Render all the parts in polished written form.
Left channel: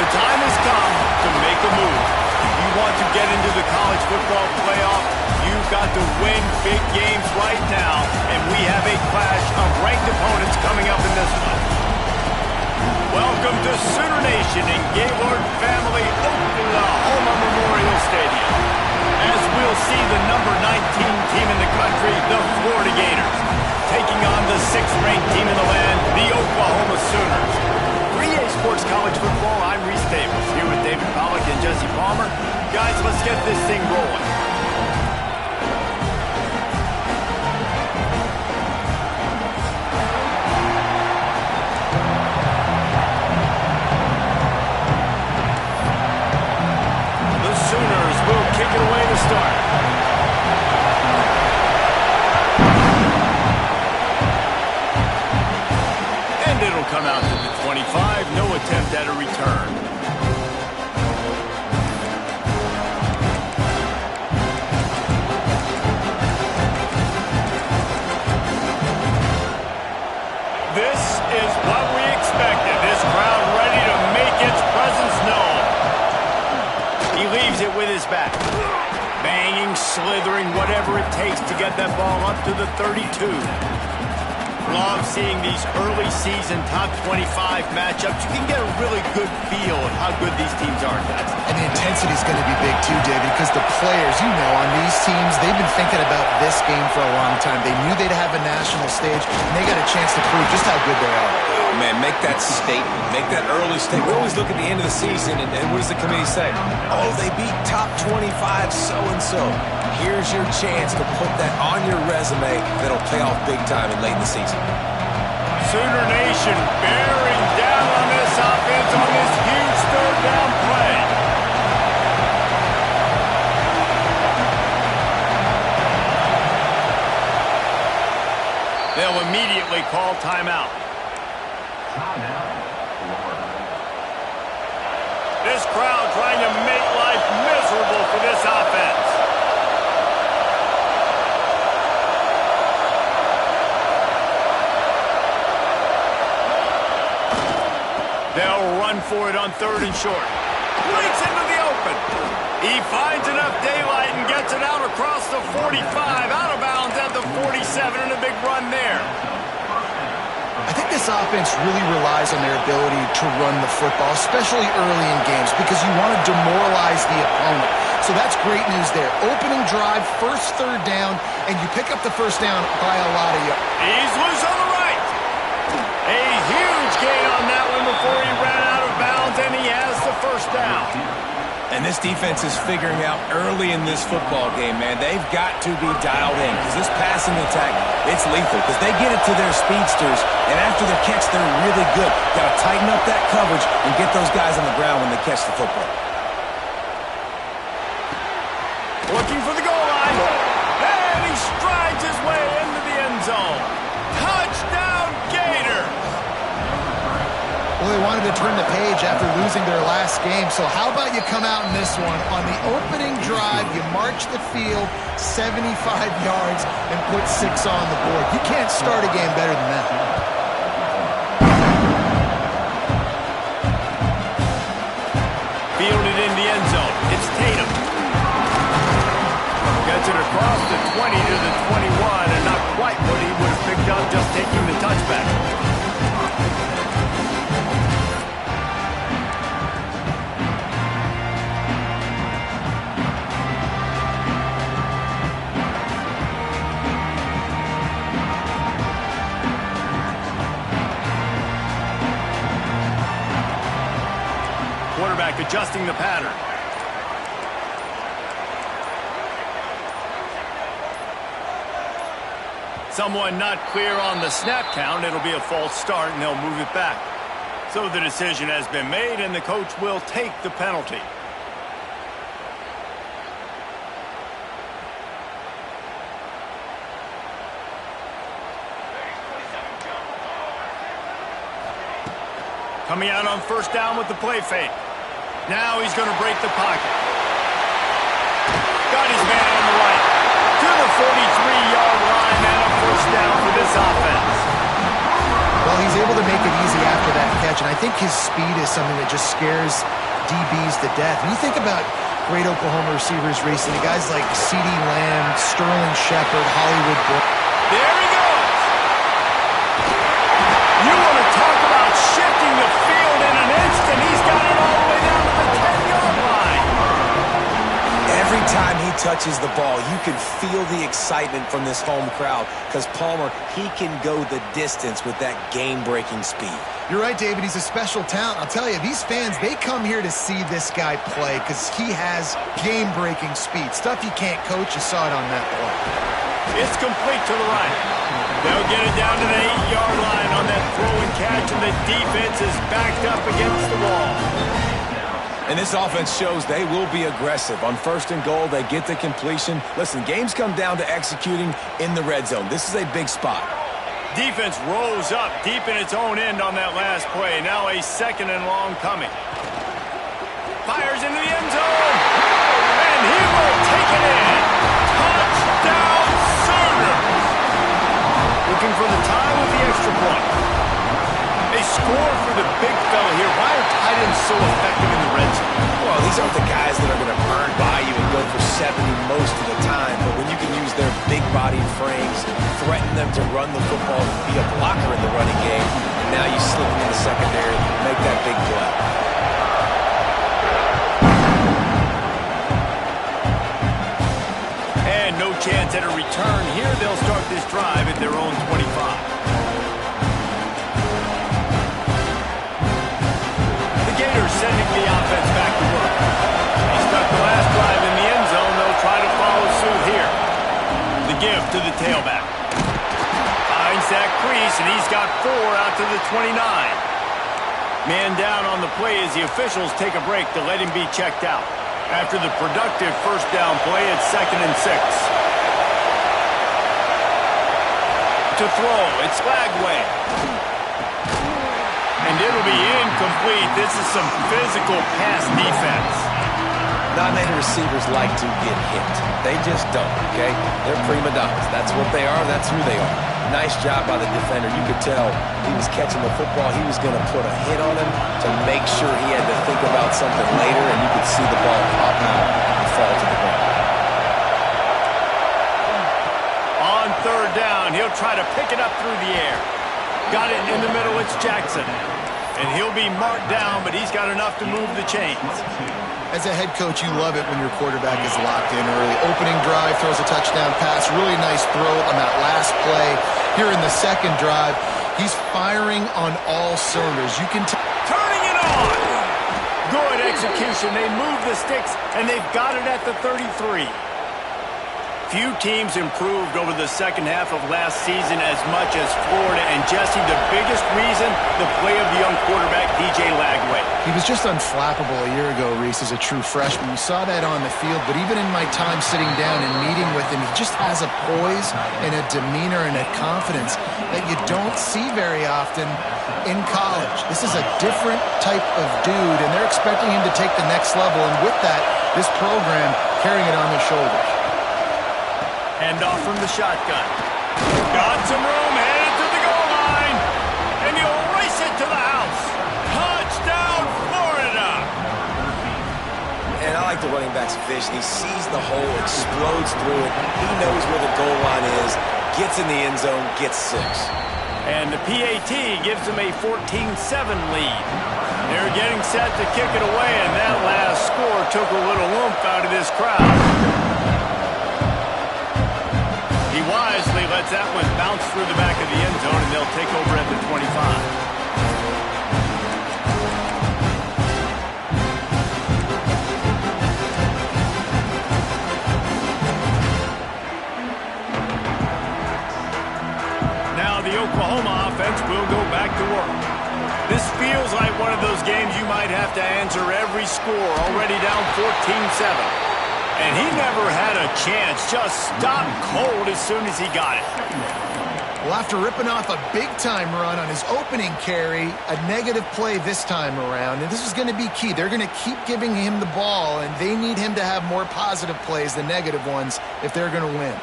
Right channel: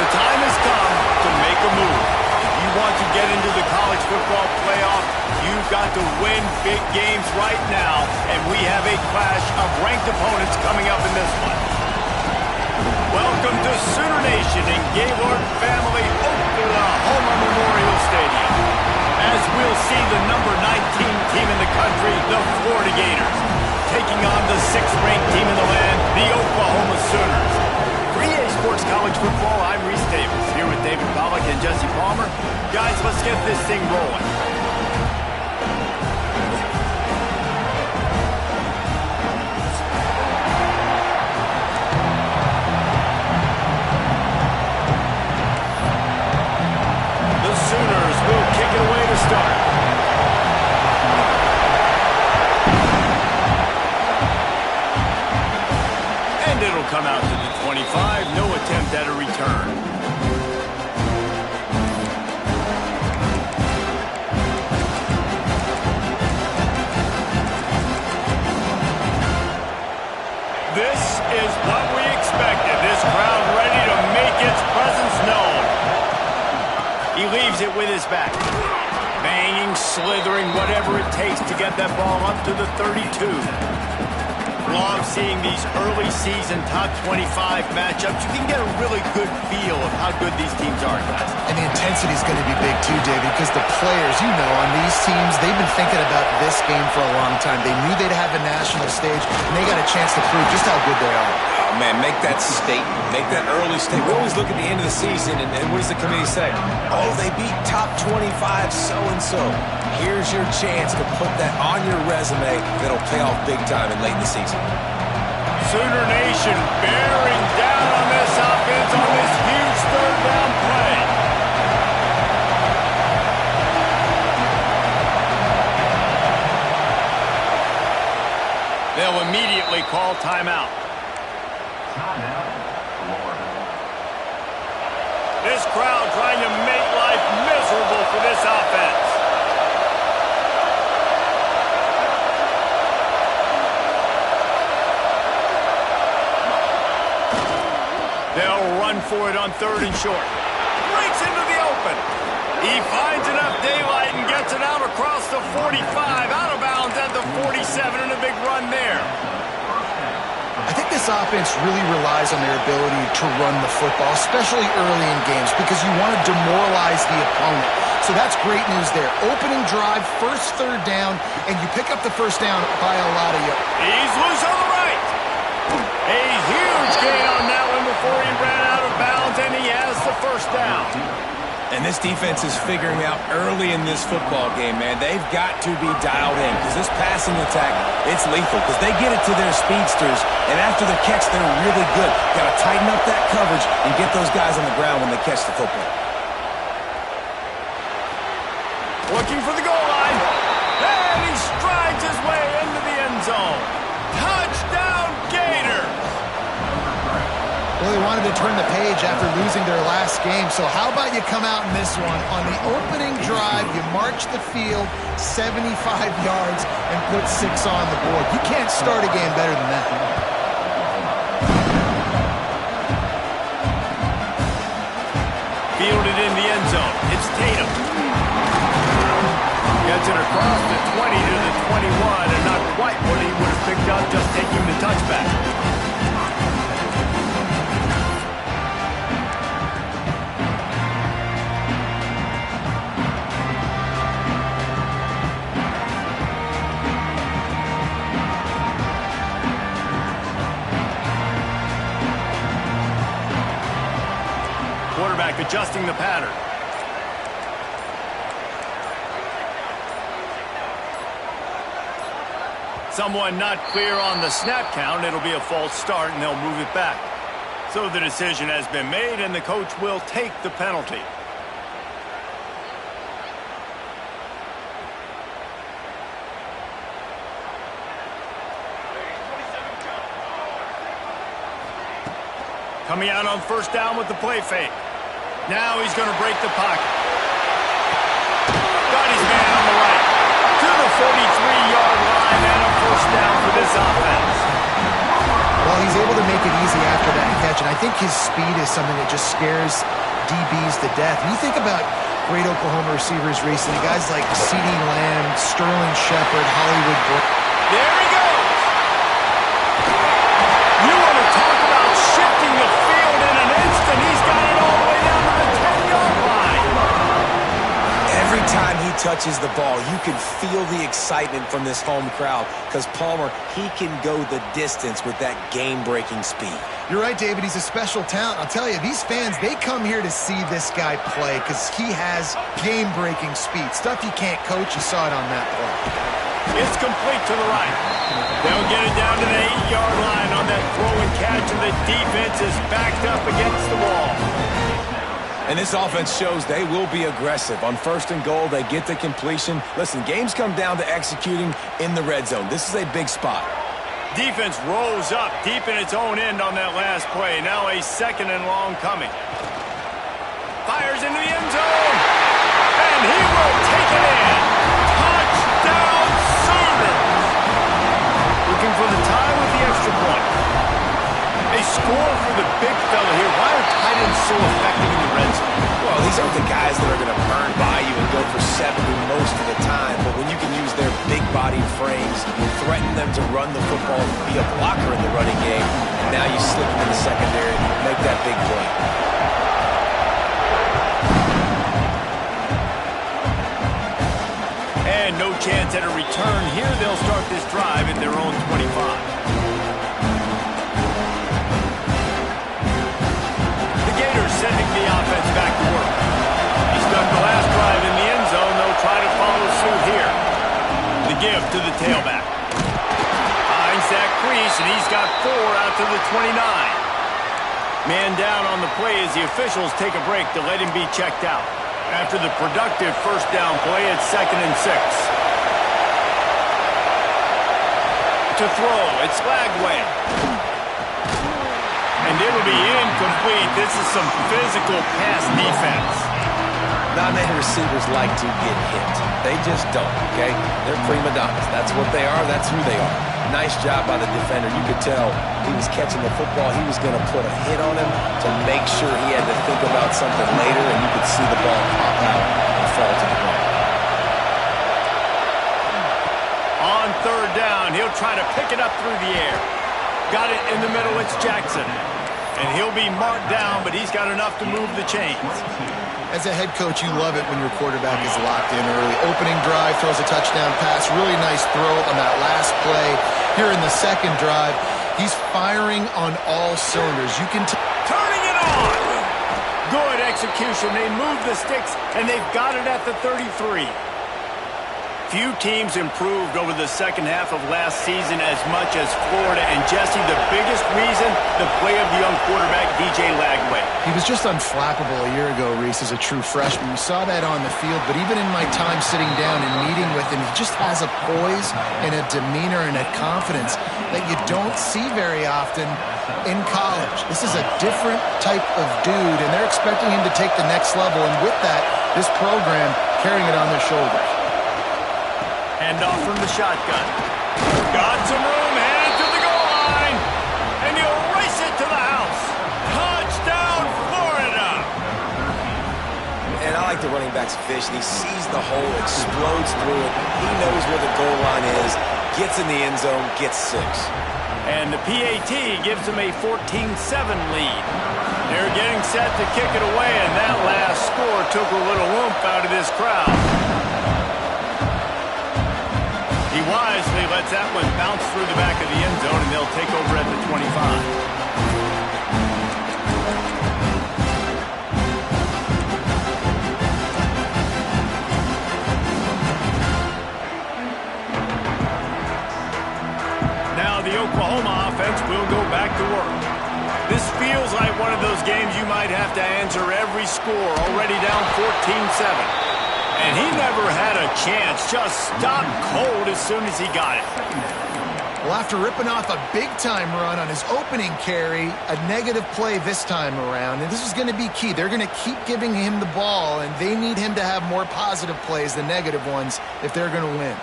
The time has come to make a move. If you want to get into the college football playoff, you've got to win big games right now, and we have a clash of ranked opponents coming up in this one. Welcome to Sooner Nation in Gaylord Family Oklahoma Memorial Stadium, as we'll see the number 19 team in the country, the Florida Gators, taking on the 6th-ranked team in the land, the Oklahoma Sooners. For EA Sports College Football, I'm Reese Davis, here with David Pollack and Jesse Palmer. Guys, let's get this thing rolling. The Sooners will kick it away to start. And it'll come out to the 25, no attempt at a return. This is what we expected. This crowd ready to make its presence known. He leaves it with his back. Banging, slithering, whatever it takes to get that ball up to the 32. Love seeing these early season top 25 matchups. You can get a really good feel of how good these teams are, guys. And the intensity is going to be big too, David, because the players, you know, on these teams, they've been thinking about this game for a long time. They knew they'd have a national stage, and they got a chance to prove just how good they are. Oh, man, make that statement. Make that early statement. We always look at the end of the season, and what does the committee say? Oh, they beat top 25 so-and-so. Here's your chance to put that on your resume that'll pay off big time and late in the season. Sooner Nation bearing down on this offense on this huge third down play. They'll immediately call timeout. This crowd trying to make life miserable for this offense. They'll run for it on 3rd and short. Breaks into the open. He finds enough daylight and gets it out across the 45, out of bounds at the 47, and a big run there. I think this offense really relies on their ability to run the football, especially early in games, because you want to demoralize the opponent. So that's great news there. Opening drive, first 3rd down, and you pick up the first down by a lot of yards. He's loose on the right. A huge gain on that one before he ran out of bounds, and he has the first down. And this defense is figuring out early in this football game, man. They've got to be dialed in because this passing attack, it's lethal because they get it to their speedsters, and after the catch, they're really good. Got to tighten up that coverage and get those guys on the ground when they catch the football. Looking for the goal line, and he strides his way into the end zone. Touchdown, Gators! Well, they wanted to turn the page after losing their last game, so how about you come out in this one? On the opening drive, you march the field 75 yards and put 6 on the board. You can't start a game better than that. Fielded in the end zone. It's Tatum. Gets it across the 20 to the 21, and not quite what he would have picked up just taking the touchback. Quarterback adjusting the pattern. Someone not clear on the snap count. It'll be a false start, and they'll move it back. So the decision has been made, and the coach will take the penalty. Coming out on first down with the play fake. Now he's going to break the pocket. Got his man on the right. To the 43-yard line and a first down for this offense. Well, Well, he's able to make it easy after that catch, and I think his speed is something that just scares DBs to death. And you think about great Oklahoma receivers recently, guys like CeeDee Lamb, Sterling Shepard, Hollywood Brown. There he goes. You want to talk about shifting the field in an instant. He's got it all the way down to the 10-yard line. Every time he touches the ball, you can feel the excitement from this home crowd because Palmer, he can go the distance with that game-breaking speed. You're right, David. He's a special talent. I'll tell you, these fans, they come here to see this guy play because he has game-breaking speed. Stuff you can't coach. You saw it on that play. It's complete to the right. They'll get it down to the 8-yard line on that throw and catch, and the defense is backed up against the wall. And this offense shows they will be aggressive. On 1st and goal, they get the completion. Listen, games come down to executing in the red zone. This is a big spot. Defense rolls up deep in its own end on that last play. Now a 2nd and long coming. Fires into the end zone. And he will take it in. Touchdown Sooners. Looking for the tie with the extra point. A score for the big fella here. Why are tight ends so effective in the red zone? Well, these aren't the guys that are going to burn by you and go for 70 most of the time, but when you can use their big-bodied frames, threaten them to run the football, be a blocker in the running game, and now you slip them in the secondary, make that big play. And no chance at a return here. They'll start this drive at their own 25. Gators sending the offense back to work. He stuck the last drive in the end zone. They'll try to follow suit here. The give to the tailback. Finds that crease, and he's got 4 out to the 29. Man down on the play as the officials take a break to let him be checked out. After the productive first down play, it's 2nd and 6. To throw, it's Lagway. And it'll be incomplete. This is some physical pass defense. Not many receivers like to get hit. They just don't, okay? They're prima donnas. That's what they are. That's who they are. Nice job by the defender. You could tell he was catching the football. He was going to put a hit on him to make sure he had to think about something later, and you could see the ball pop out and fall to the ground. On 3rd down, he'll try to pick it up through the air. Got it in the middle. It's Jackson. And he'll be marked down, but he's got enough to move the chains. As a head coach, you love it when your quarterback is locked in early. Opening drive, throws a touchdown pass. Really nice throw on that last play. Here in the 2nd drive, he's firing on all cylinders. You can turning it on. Good execution. They move the sticks, and they've got it at the 33. Few teams improved over the second half of last season as much as Florida. And, Jesse, the biggest reason, the play of the young quarterback, DJ Lagway. He was just unflappable a year ago, Reese, as a true freshman. You saw that on the field, but even in my time sitting down and meeting with him, he just has a poise and a demeanor and a confidence that you don't see very often in college. This is a different type of dude, and they're expecting him to take the next level. And with that, this program carrying it on their shoulders. Hand off from the shotgun. Got some room, headed to the goal line. And he'll race it to the house. Touchdown, Florida! And I like the running back's vision. He sees the hole, explodes through it. He knows where the goal line is, gets in the end zone, gets 6. And the PAT gives them a 14-7 lead. They're getting set to kick it away, and that last score took a little oomph out of this crowd. He wisely lets that one bounce through the back of the end zone, and they'll take over at the 25. Now the Oklahoma offense will go back to work. This feels like one of those games you might have to answer every score, already down 14-7. And he never had a chance, just stopped cold as soon as he got it. Well, after ripping off a big-time run on his opening carry, a negative play this time around, and this is going to be key. They're going to keep giving him the ball, and they need him to have more positive plays than negative ones if they're going to win.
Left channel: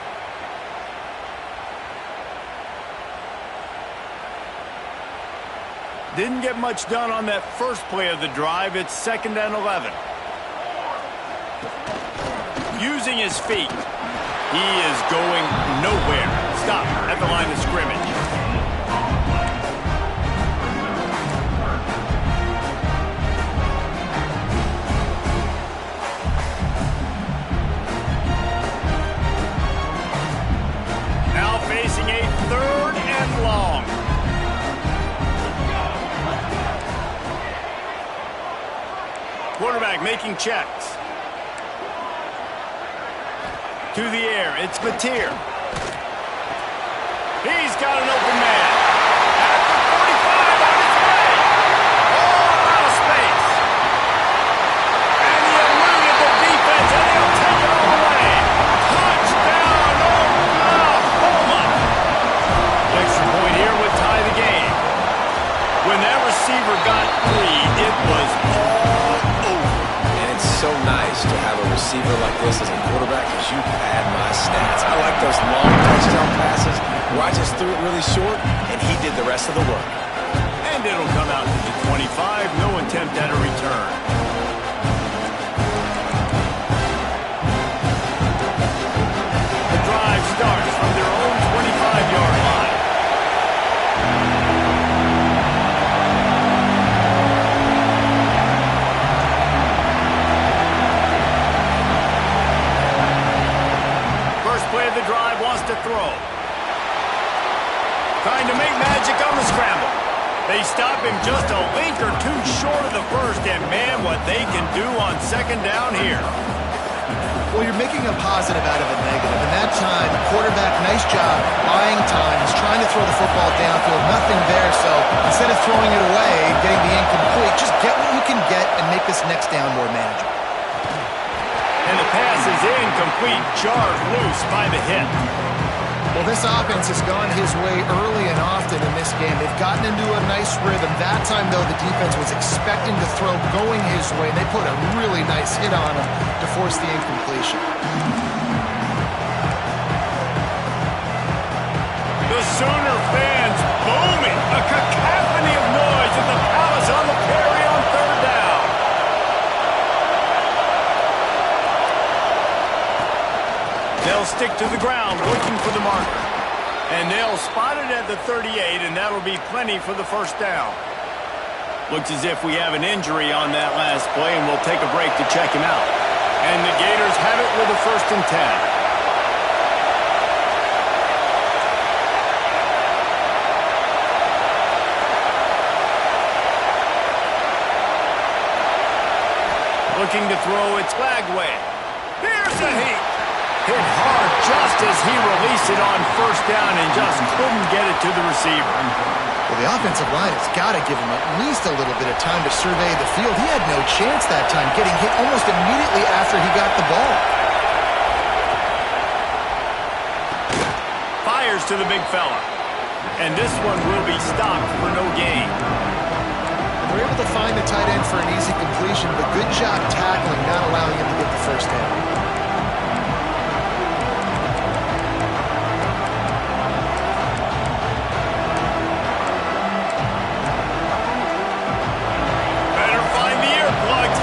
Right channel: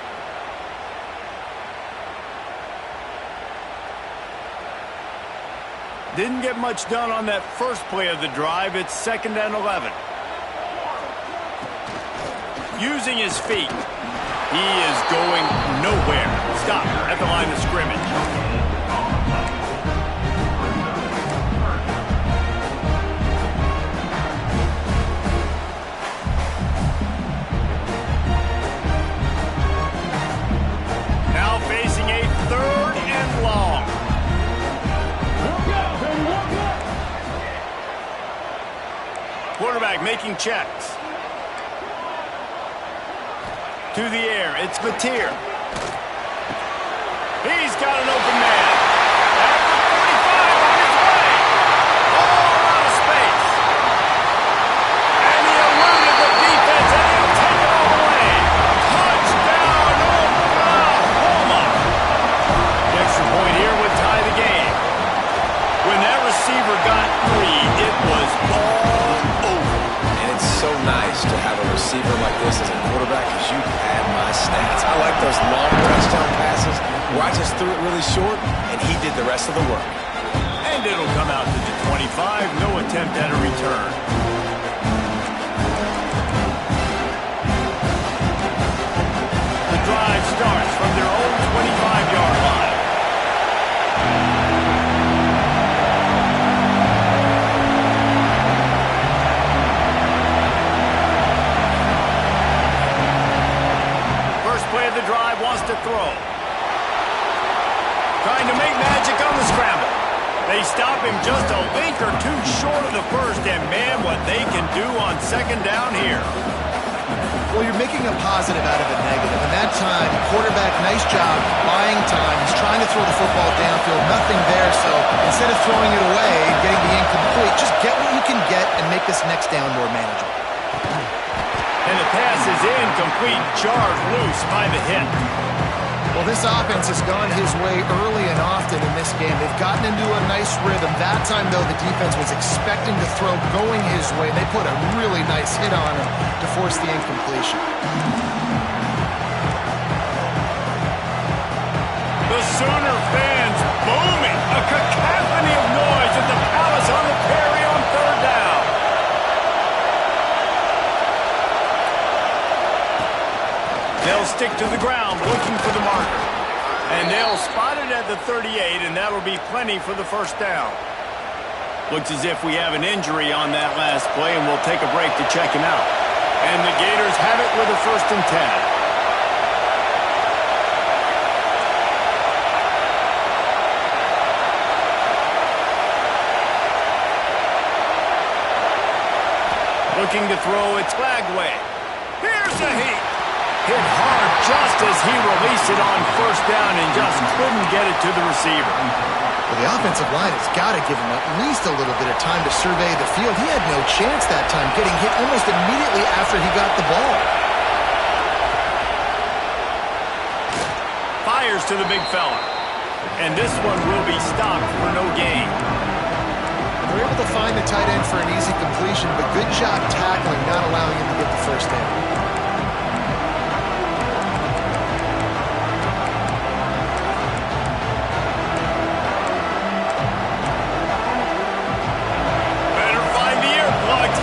Didn't get much done on that first play of the drive. It's 2nd and 11. Using his feet. He is going nowhere. Stop at the line of scrimmage. Now facing a 3rd and long. Quarterback making checks. To the air, it's Batir. He's got an open man. At the 45 on his way. All out of space. And he eluded the defense, and he'll take it all the way. Touchdown, Oklahoma. The extra point here would tie the game. When that receiver got free, it was all over. It's so nice to have a receiver like this as a quarterback because you pad my stats. I like those long touchdown passes where I just threw it really short and he did the rest of the work. And it'll come out to the 25. No attempt at a return. The drive starts from their own 25-yard line. Play of the drive, wants to throw. Trying to make magic on the scramble. They stop him just a link or two short of the first, and man, what they can do on 2nd down here. Well, you're making a positive out of a negative, and that time, quarterback, nice job, buying time. He's trying to throw the football downfield, nothing there, so instead of throwing it away and getting the incomplete, just get what you can get and make this next down more manageable. And the pass is incomplete, jarred loose by the hit. Well, this offense has gone his way early and often in this game. They've gotten into a nice rhythm. That time, though, the defense was expecting to throw going his way. They put a really nice hit on him to force the incompletion. The Sooner fans booming. A cacophony of noise at the Palace on the Prairie on 3rd down. They'll stick to the ground looking for the marker. And they'll spot it at the 38, and that'll be plenty for the 1st down. Looks as if we have an injury on that last play, and we'll take a break to check him out. And the Gators have it with a 1st and 10. Looking to throw, it's Lagway. Here's a heat. Hit hard just as he released it on 1st down and just couldn't get it to the receiver. Well, the offensive line has got to give him at least a little bit of time to survey the field. He had no chance that time, getting hit almost immediately after he got the ball. Fires to the big fella. And this one will be stopped for no gain. They're able to find the tight end for an easy completion, but good job tackling, not allowing him to get the 1st down.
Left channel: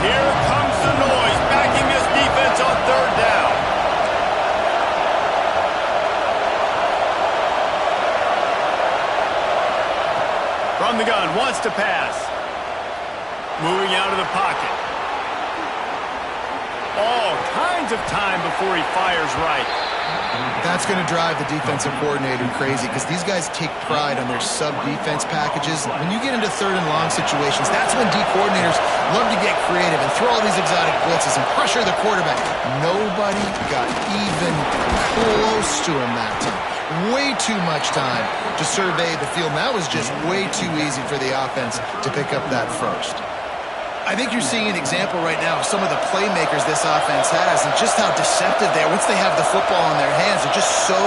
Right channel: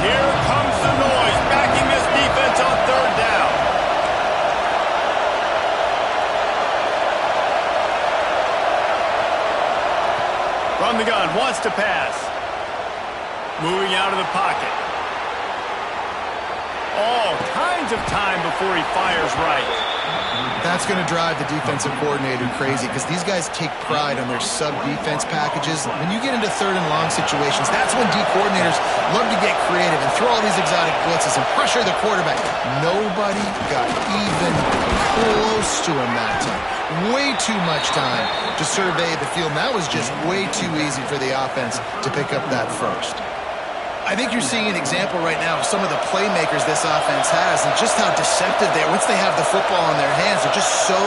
Here comes the noise, backing this defense on 3rd down. From the gun, wants to pass. Moving out of the pocket. All kinds of time before he fires right. That's going to drive the defensive coordinator crazy because these guys take pride on their sub-defense packages. When you get into 3rd and long situations, that's when D coordinators love to get creative and throw all these exotic blitzes and pressure the quarterback. Nobody got even close to him that time. Way too much time to survey the field. And that was just way too easy for the offense to pick up that 1st. I think you're seeing an example right now of some of the playmakers this offense has and just how deceptive they are. Once they have the football in their hands, they're just so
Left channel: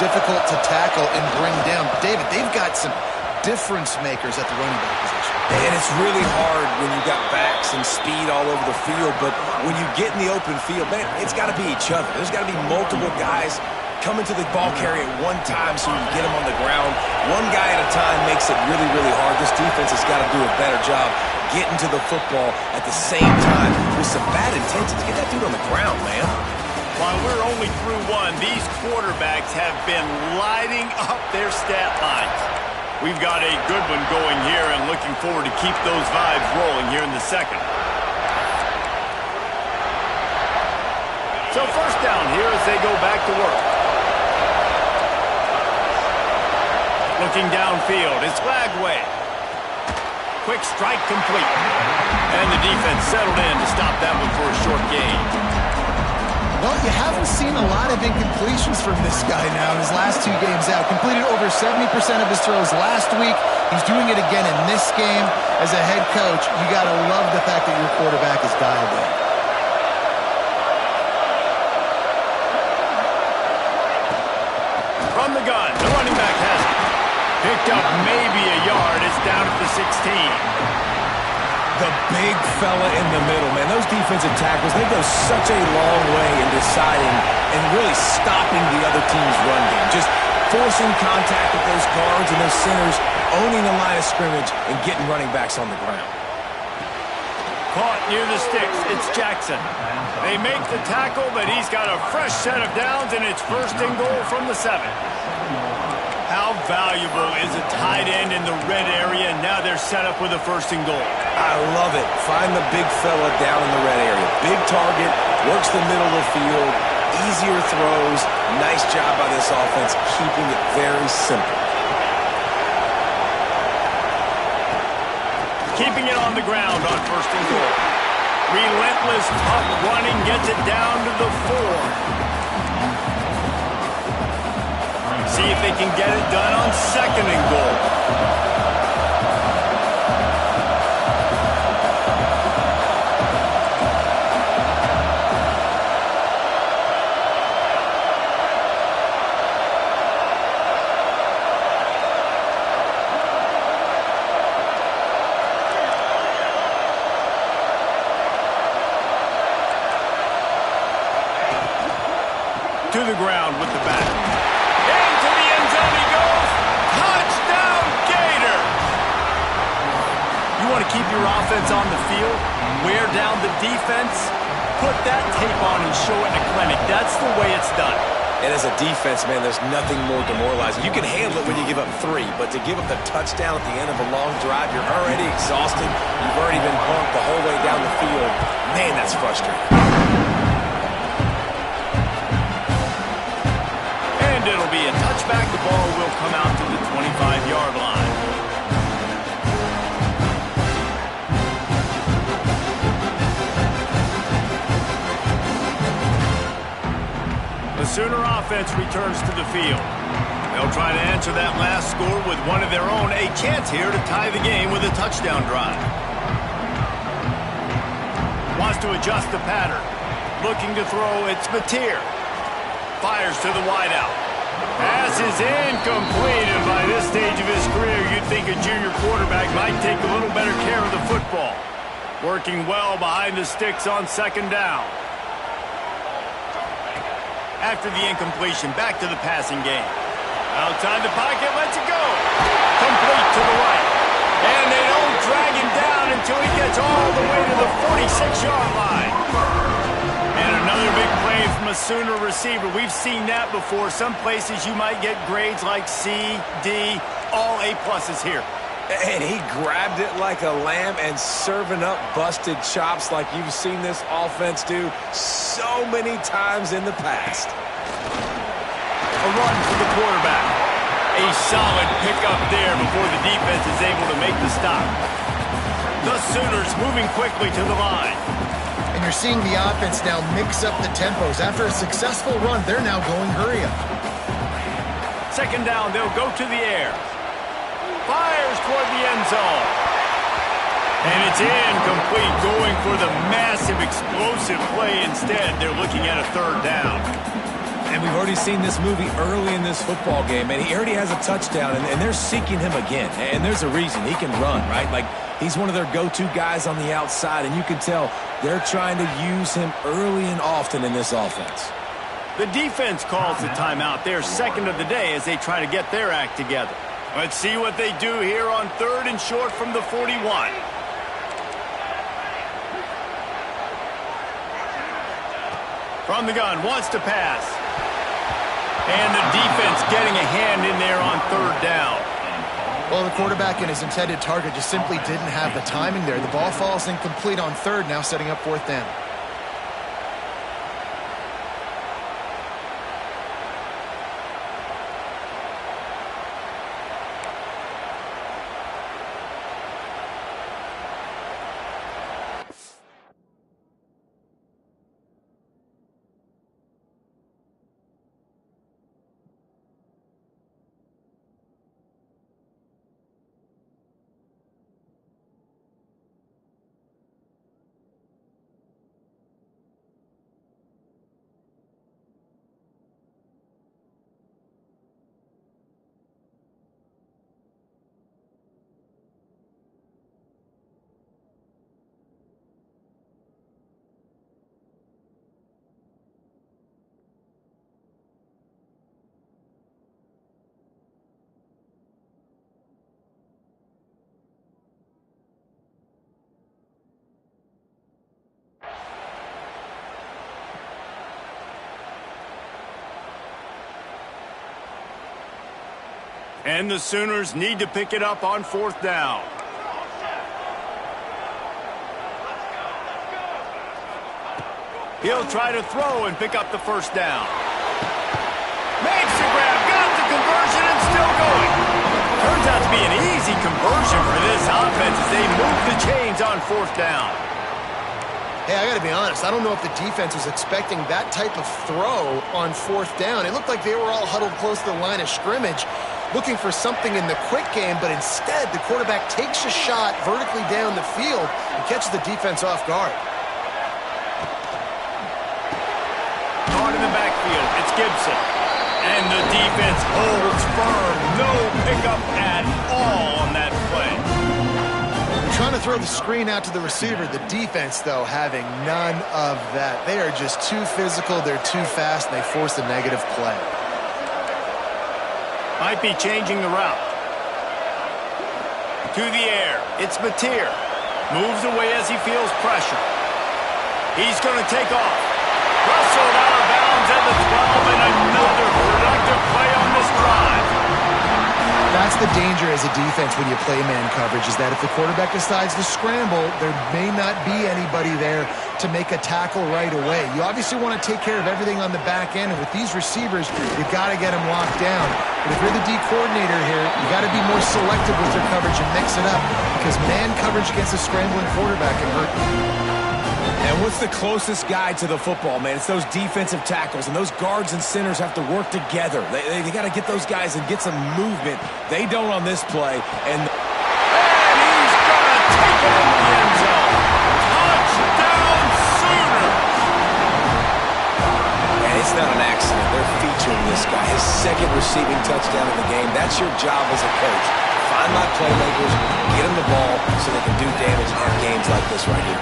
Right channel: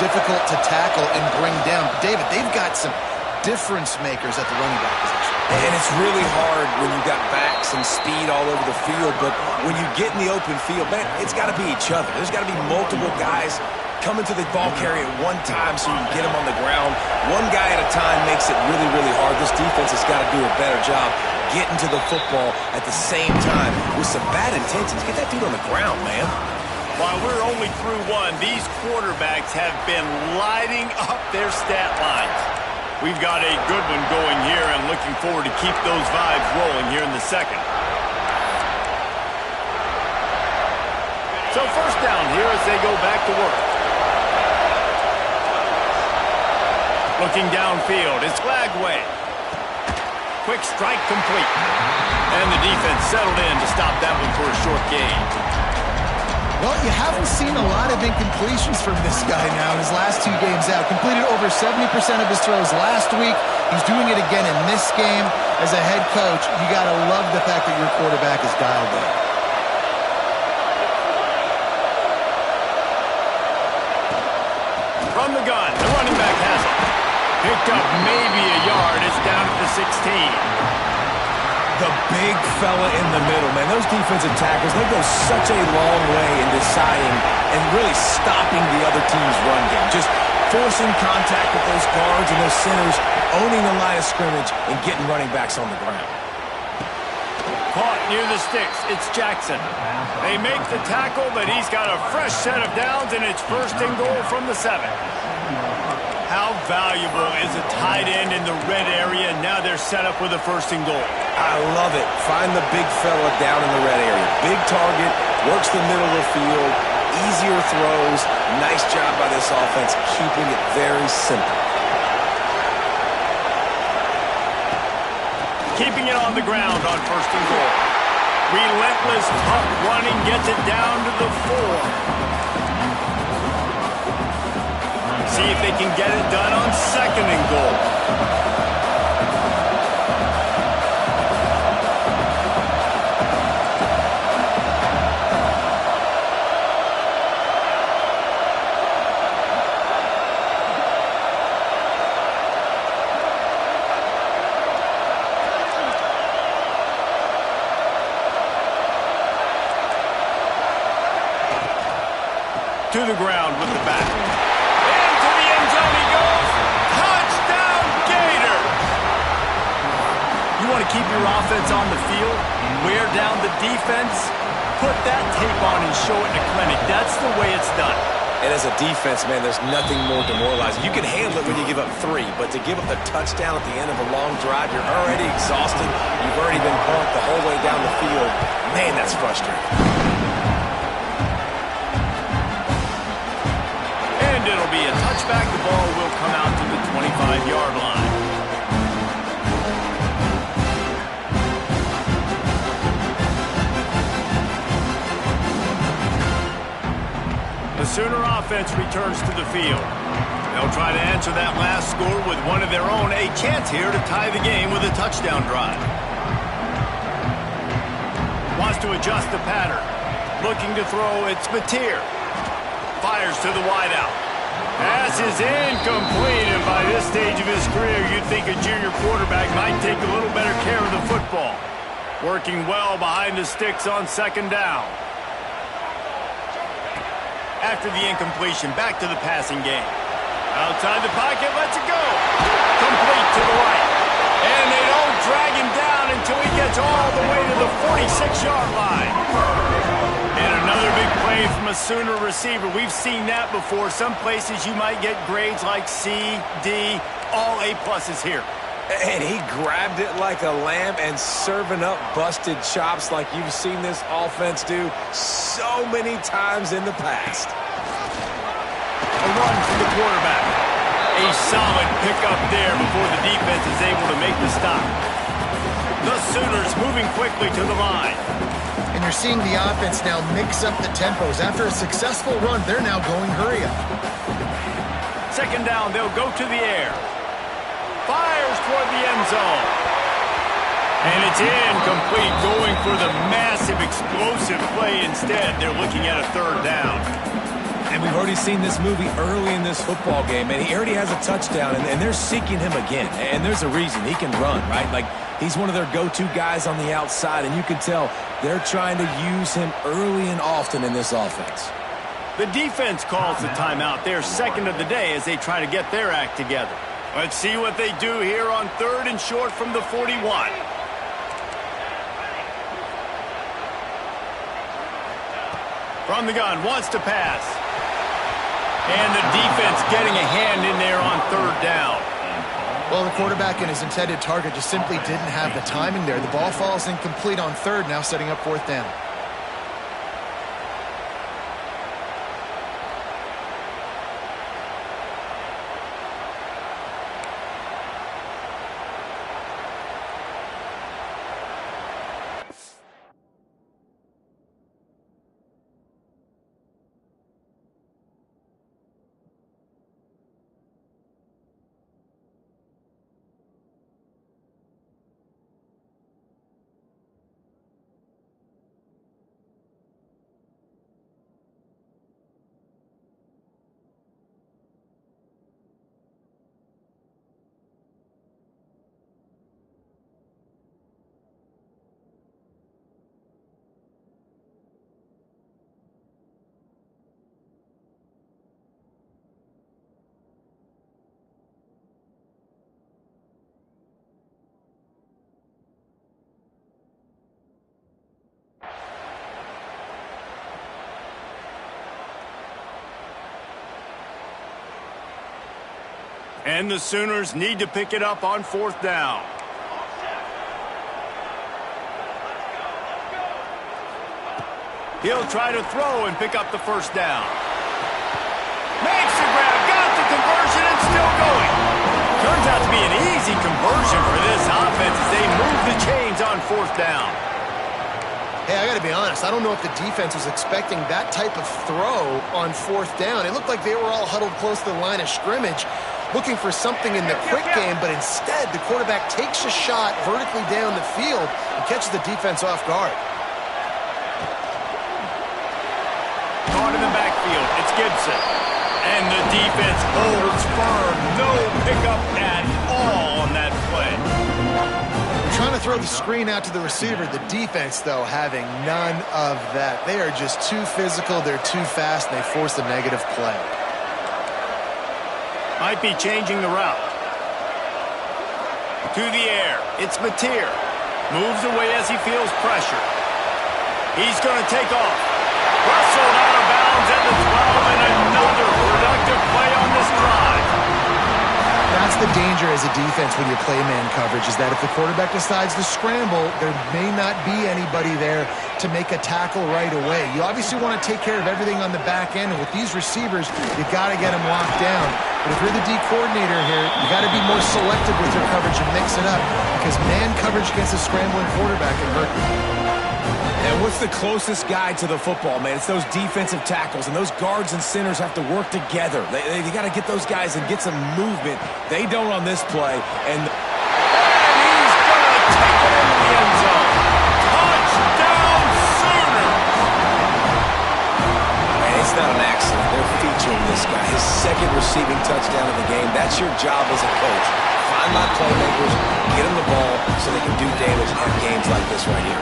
difficult to tackle and bring down. David, they've got some difference makers at the running back position. And it's really hard when you got backs and speed all over the field, but when you get in the open field, man, it's got to be each other. There's got to be multiple guys coming to the ball carrier at one time so you can get him on the ground. One guy at a time makes it really, really hard. This defense has got to do a better job getting to the football at the same time with some bad intentions. Get that dude on the ground, man. While we're only through one, these quarterbacks have been lighting up their stat lines. We've got a good one going here and looking forward to keep those vibes rolling here in the second. So first down here as they go back to work. Looking downfield, it's Lagway. Quick strike complete. And the defense settled in to stop that one for a short gain. Well, you haven't seen a lot of incompletions from this guy now in his last 2 games out. Completed over 70% of his throws last week. He's doing it again in this game. As a head coach, you got to love the fact that your quarterback is dialed in. From the gun, the running back has it. Picked up maybe a yard. It's down at the 16. The big fella in the middle, man. Those defensive tackles, they go such a long way in deciding and really stopping the other team's run game. Just forcing contact with those guards and those centers, owning the line of scrimmage, and getting running backs on the ground. Caught near the sticks. It's Jackson. They make the tackle, but he's got a fresh set of downs, and it's first and goal from the 7. How valuable is a tight end in the red area, and now they're set up with a first and goal. I love it. Find the big fella down in the red area. Big target, works the middle of the field, easier throws. Nice job by this offense, keeping it very simple. Keeping it on the ground on first and goal. Relentless, tough running gets it down to the 4. See if they can get it done on second and goal. To the ground with the back. Into the end zone he goes. Touchdown, Gators! You want to keep your offense on the field? Wear down the defense? Put that tape on and show it in a clinic. That's the way it's done. And as a defense, man, there's nothing more demoralizing. You can handle it when you give up 3, but to give up the touchdown at the end of a long drive, you're already exhausted. You've already been bumped the whole way down the field. Man, that's frustrating. It'll be a touchback. The ball will come out to the 25-yard line. The Sooner offense returns to the field. They'll try to answer that last score with one of their own. A chance here to tie the game with a touchdown drive. Wants to adjust the pattern. Looking to throw, it's Mateer. Fires to the wideout. Pass is incomplete, and by this stage of his career, you'd think a junior quarterback might take a little better care of the football. Working well behind the sticks on second down. After the incompletion, back to the passing game. Outside the pocket, lets it go. Complete to the right. And they don't drag him down until he gets all the way to the 46-yard line. And another big play from a Sooner receiver. We've seen that before. Some places you might get grades like C, D, all A-pluses here. And he grabbed it like a lamb and serving up busted chops like you've seen this offense do so many times in the past. A run for the quarterback. A solid pickup there before the defense is able to make the stop. The Sooners moving quickly to the line. And you're seeing the offense now mix up the tempos. After a successful run, they're now going hurry up. Second down, they'll go to the air. Fires toward the end zone. And it's incomplete, going for the massive explosive play instead. They're looking at a third down. And we've already seen this movie early in this football game, and he already has a touchdown, and they're seeking him again. And there's a reason. He can run, right? Like, he's one of their go-to guys on the outside, and you can tell they're trying to use him early and often in this offense. The defense calls the timeout. They're second of the day as they try to get their act together. Let's see what they do here on 3rd and short from the 41. From the gun, wants to pass. And the defense getting a hand in there on 3rd down. Well, the quarterback and his intended target just simply didn't have the timing there. The ball falls incomplete on 3rd, now setting up 4th down. And the Sooners need to pick it up on 4th down. He'll try to throw and pick up the 1st down. Makes the grab, got the conversion, and still going. Turns out to be an easy conversion for this offense as they move the chains on 4th down. Hey, I got to be honest. I don't know if the defense was expecting that type of throw on 4th down. It looked like they were all huddled close to the line of scrimmage, looking for something in the quick game, but instead the quarterback takes a shot vertically down the field and catches the defense off guard. Caught in the backfield, it's Gibson. And the defense holds firm. No pickup at all on that play. They're trying to throw the screen out to the receiver. The defense, though, having none of that. They are just too physical, they're too fast, and they force a negative play. Might be changing the route. To the air, it's Mateer. Moves away as he feels pressure. He's going to take off. Rustled out of bounds at the 12, and another productive play on this drive. That's the danger as a defense when you play man coverage, is that if the quarterback decides to scramble, there may not be anybody there to make a tackle right away. You obviously want to take care of everything on the back end, and with these receivers, you got to get them locked down. But if you're the D coordinator here, you got to be more selective with your coverage and mix it up, because man coverage against a scrambling quarterback can hurt you. And what's the closest guy to the football, man? It's those defensive tackles, and those guards and centers have to work together. They got to get those guys and get some movement. They don't on this play. And he's going to take it into the end zone. Touchdown, Sooners! And it's not an accident. They're featuring this guy. His 2nd receiving touchdown of the game. That's your job as a coach. Find my playmakers, get them the ball so they can do damage and have games like this right here.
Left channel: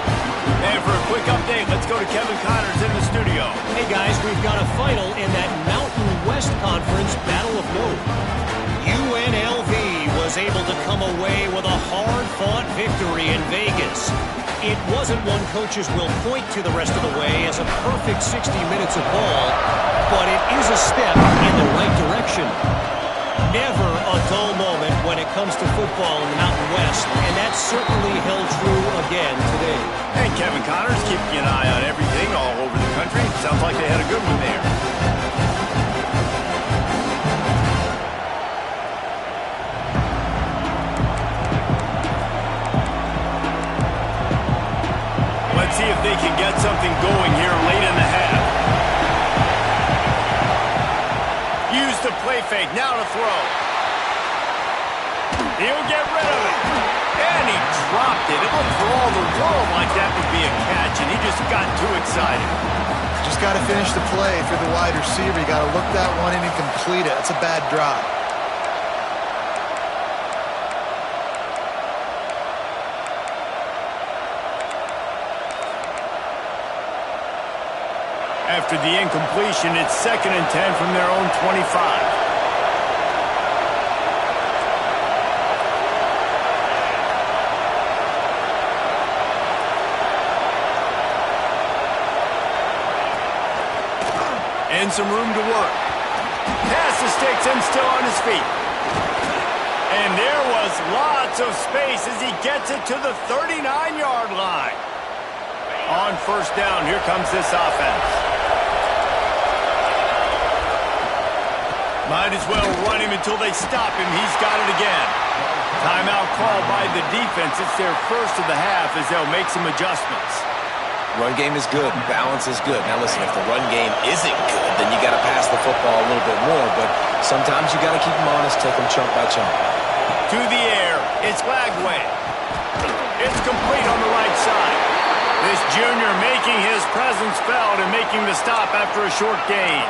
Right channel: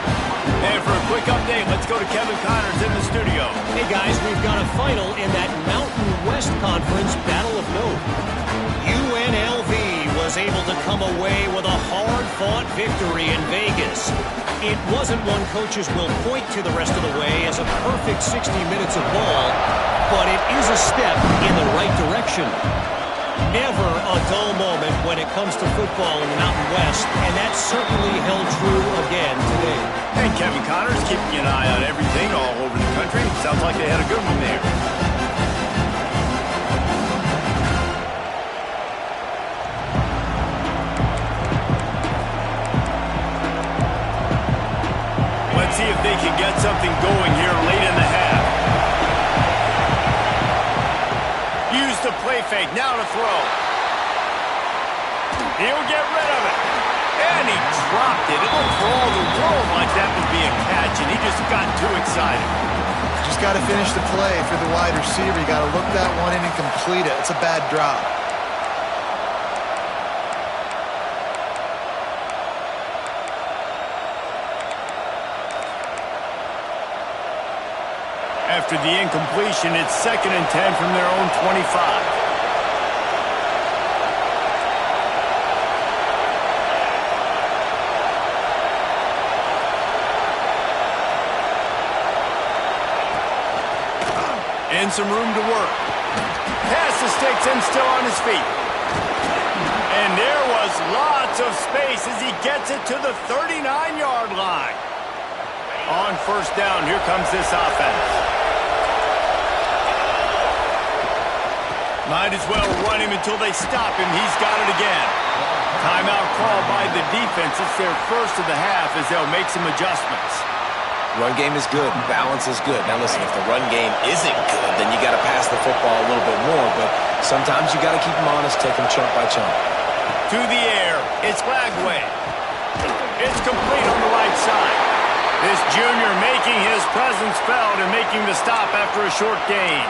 And for a quick update, let's go to Kevin Connors in the studio. Hey guys, we've got a final in that Mountain West Conference Battle of Note. UNLV was able to come away with a hard-fought victory in Vegas. It wasn't one coaches will point to the rest of the way as a perfect 60 minutes of ball, but it is a step in the right direction. Never a dull moment when it comes to football in the Mountain West, and that certainly held true again today. And Kevin Connors keeping an eye on everything all over the country. Sounds like they had a good one there. Let's see if they can get something going here late in the half. Use the play fake, now to throw. He'll get rid of it. And he dropped it. It looked for all the world like that would be a catch, and he just got too excited. Just got to finish the play. If you're the wide receiver, you got to look that one in and complete it. It's a bad drop. After the incompletion, it's 2nd and 10 from their own 25. And some room to work. Past the sticks and still on his feet. And there was lots of space as he gets it to the 39-yard line. On 1st down, here comes this offense. Might as well run him until they stop him. He's got it again. Timeout called by the defense. It's their first of the half as they'll make some adjustments. Run game is good. Balance is good. Now, listen, if the run game isn't good, then you got to pass the football a little bit more. But sometimes you got to keep them honest, take them chunk by chunk. To the air, it's Lagway. It's complete on the right side. This junior making his presence felt and making the stop after a short gain.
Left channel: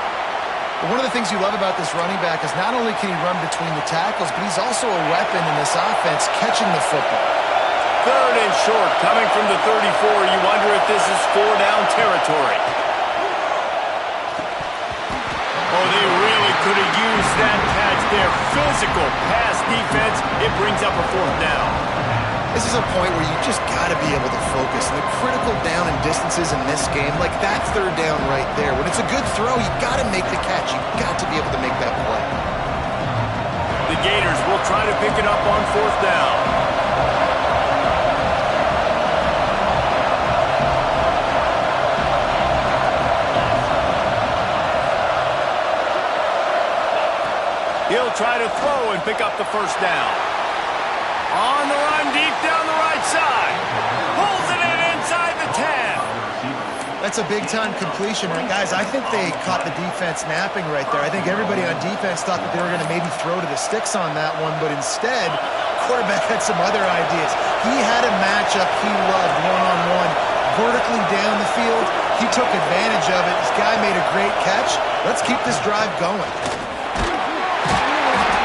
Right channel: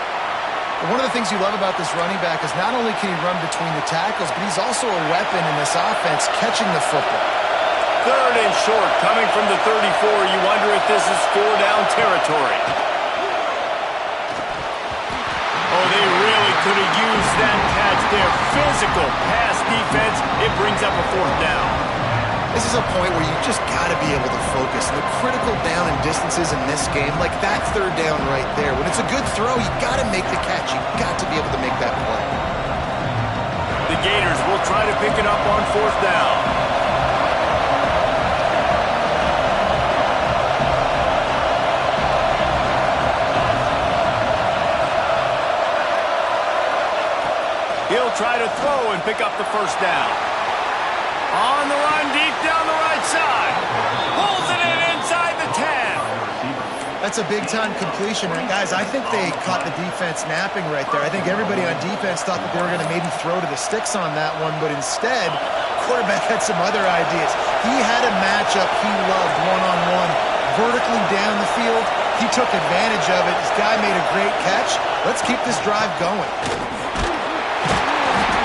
One of the things you love about this running back is not only can he run between the tackles, but he's also a weapon in this offense catching the football. 3rd and short, coming from the 34. You wonder if this is 4-down territory. Oh, they really could have used that catch there. Physical pass defense. It brings up a 4th down. This is a point where you just got to be able to focus. The critical down and distances in this game, like that 3rd down right there. When it's a good throw, you got to make the catch. You got to be able to make that play. The Gators will try to pick it up on 4th down. He'll try to throw and pick up the 1st down. On the run, deep down the right side. Pulls it in inside the 10. That's a big-time completion. And guys, I think they caught the defense napping right there. I think everybody on defense thought that they were going to maybe throw to the sticks on that one, but instead, quarterback had some other ideas. He had a matchup he loved one-on-one, vertically down the field. He took advantage of it. This guy made a great catch. Let's keep this drive going.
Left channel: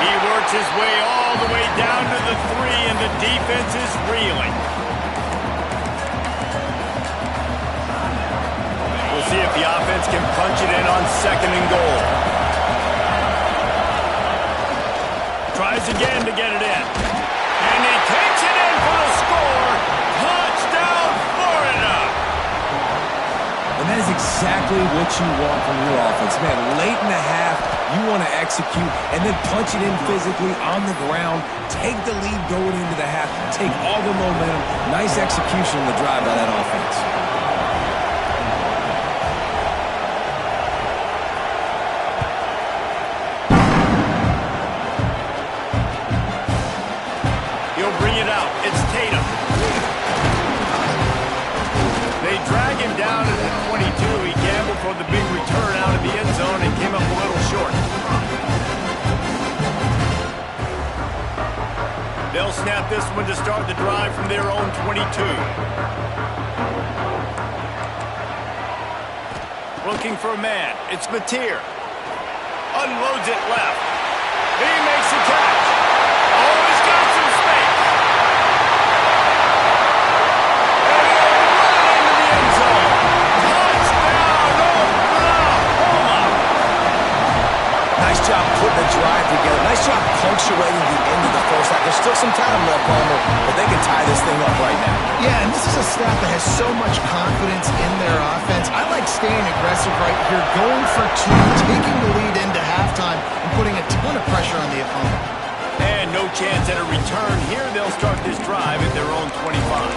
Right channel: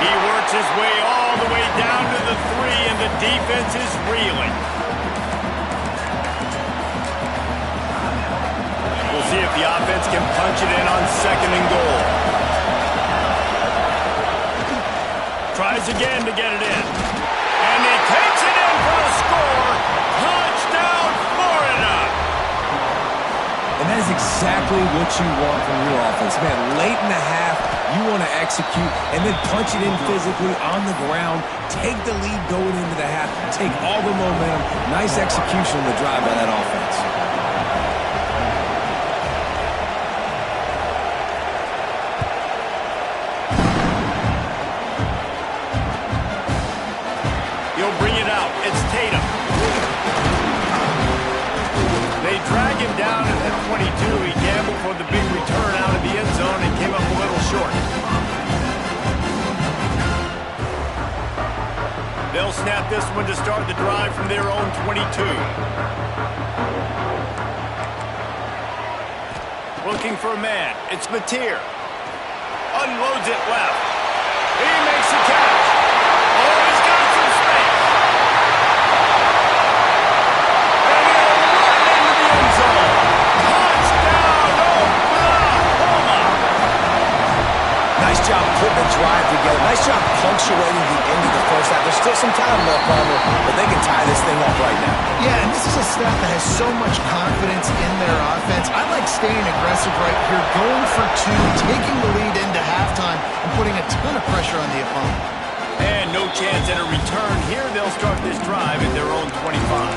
He works his way all the way down to the 3, and the defense is reeling. We'll see if the offense can punch it in on 2nd and goal. Tries again to get it in. And he takes it in for the score. Touchdown, Florida! And that is exactly what you want from your offense. Man, late in the half, you want to execute and then punch it in physically on the ground. Take the lead going into the half. Take all the momentum. Nice execution on the drive by that offense. He'll bring it out. It's Tatum. They drag him down at the 22. He gambled for the big return out of the end zone and came up a little short. They'll snap this one to start the drive from their own 22. Looking for a man. It's Mateer. Unloads it left. He makes a catch. Oh, he's got some space. And he'll run it into the end zone. Touchdown, Oklahoma. Nice job putting the drive together. Nice job punctuating the end of the first half. There's still some time left, Palmer, but they can tie this thing up right now. Yeah, and this is a staff that has so much confidence in their offense. I like staying aggressive right here, going for 2, taking the lead into halftime, and putting a ton of pressure on the opponent. And no chance at a return here. They'll start this drive at their own 25.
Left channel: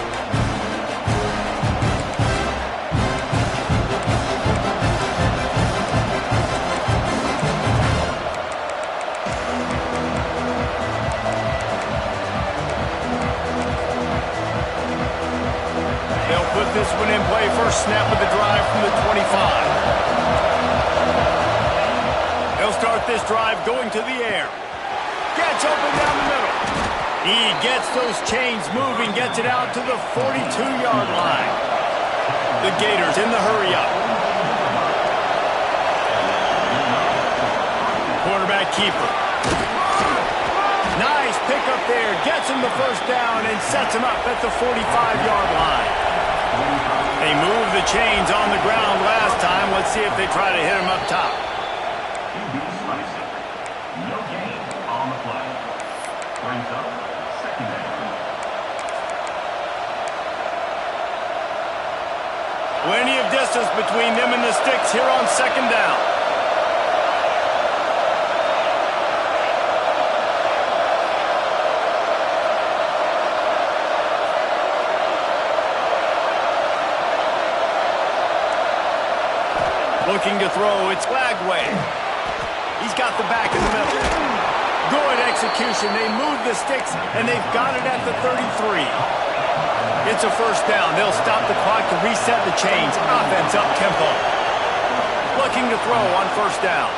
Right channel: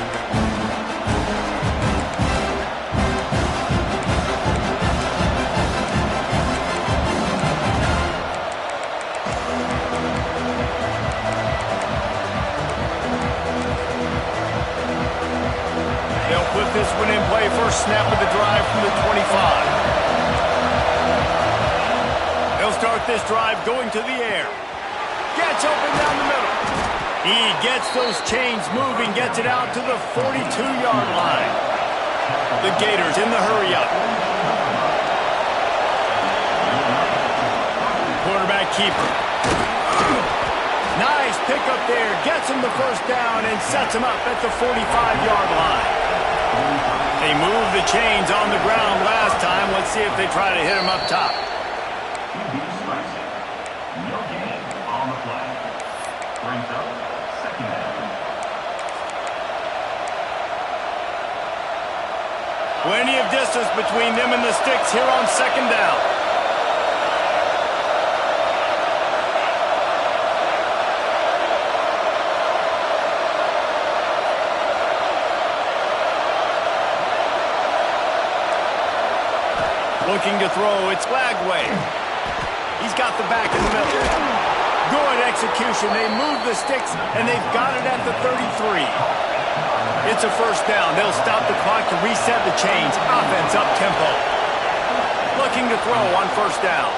They'll put this one in play. First snap of the drive from the 25. They'll start this drive going to the air. Gets open down the middle. He gets those chains moving, gets it out to the 42-yard line. The Gators in the hurry-up. Quarterback keeper. Nice pickup there. Gets him the first down and sets him up at the 45-yard line. They moved the chains on the ground last time. Let's see if they try to hit him up top. QB strikes it. No gain on the play. Brings up second down. Plenty of distance between them and the sticks here on second down. Looking to throw, it's Flagway. He's got the back in the middle. Good execution. They move the sticks, and they've got it at the 33. It's a first down. They'll stop the clock to reset the chains. Offense up tempo. Looking to throw on first down.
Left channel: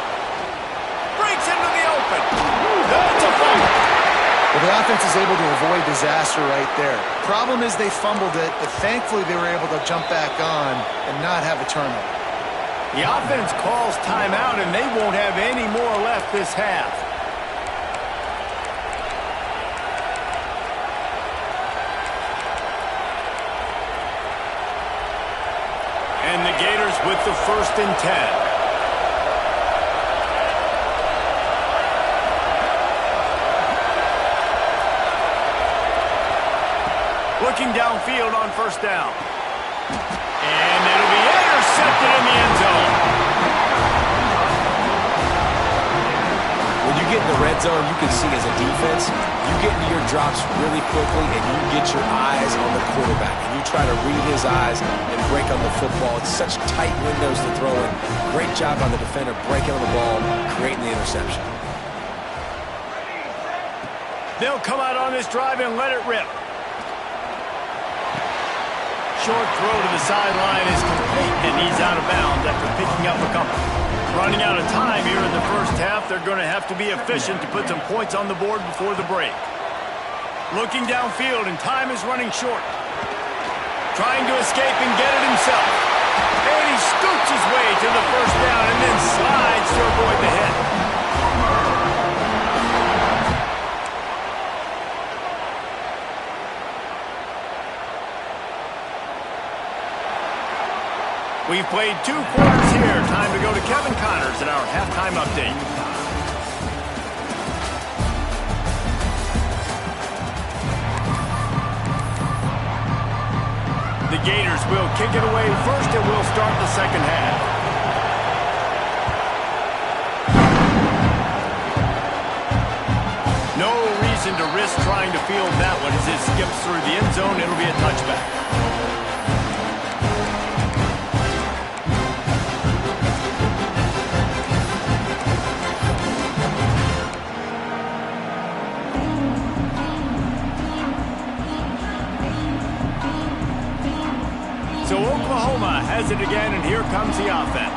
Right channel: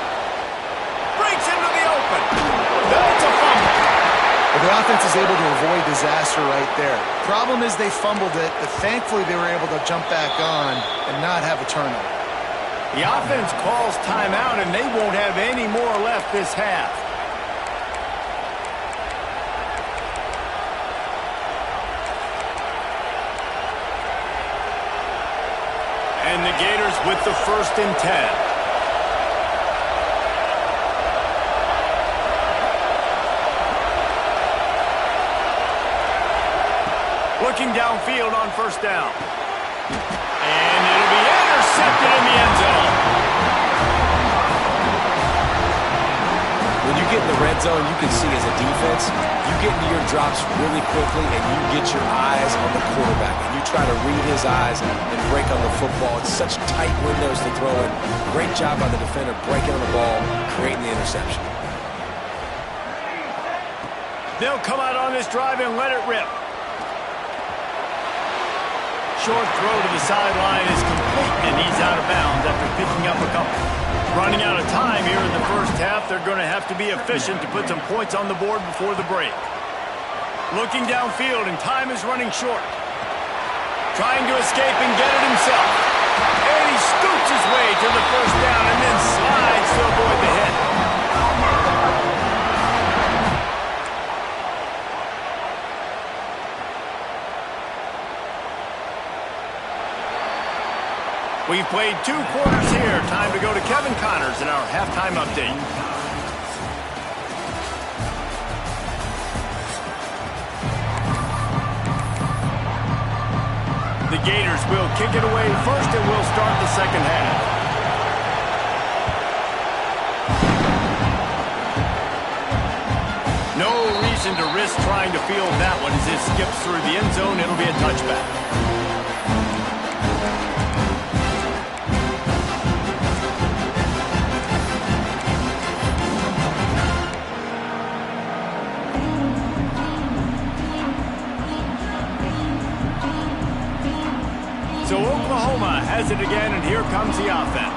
Breaks into the open. That's a fumble. Well, the offense is able to avoid disaster right there. Problem is they fumbled it, but thankfully they were able to jump back on and not have a turnover. The offense calls timeout, and they won't have any more left this half. And the Gators with the 1st and 10. Looking downfield on first down. And it'll be intercepted in the end zone. When you get in the red zone, you can see as a defense, you get into your drops really quickly and you get your eyes on the quarterback. And you try to read his eyes and break on the football. It's such tight windows to throw in. Great job by the defender breaking on the ball, creating the interception. They'll come out on this drive and let it rip. Short throw to the sideline is complete, and he's out of bounds after picking up a couple. Running out of time here in the first half, they're going to have to be efficient to put some points on the board before the break. Looking downfield, and time is running short. Trying to escape and get it himself. And he scoots his way to the first down and then slides to avoid the hit. We've played 2 quarters here. Time to go to Kevin Connors in our halftime update. The Gators will kick it away first, and we'll start the second half. No reason to risk trying to field that one as it skips through the end zone. It'll be a touchback. So Oklahoma has it again, and here comes the offense.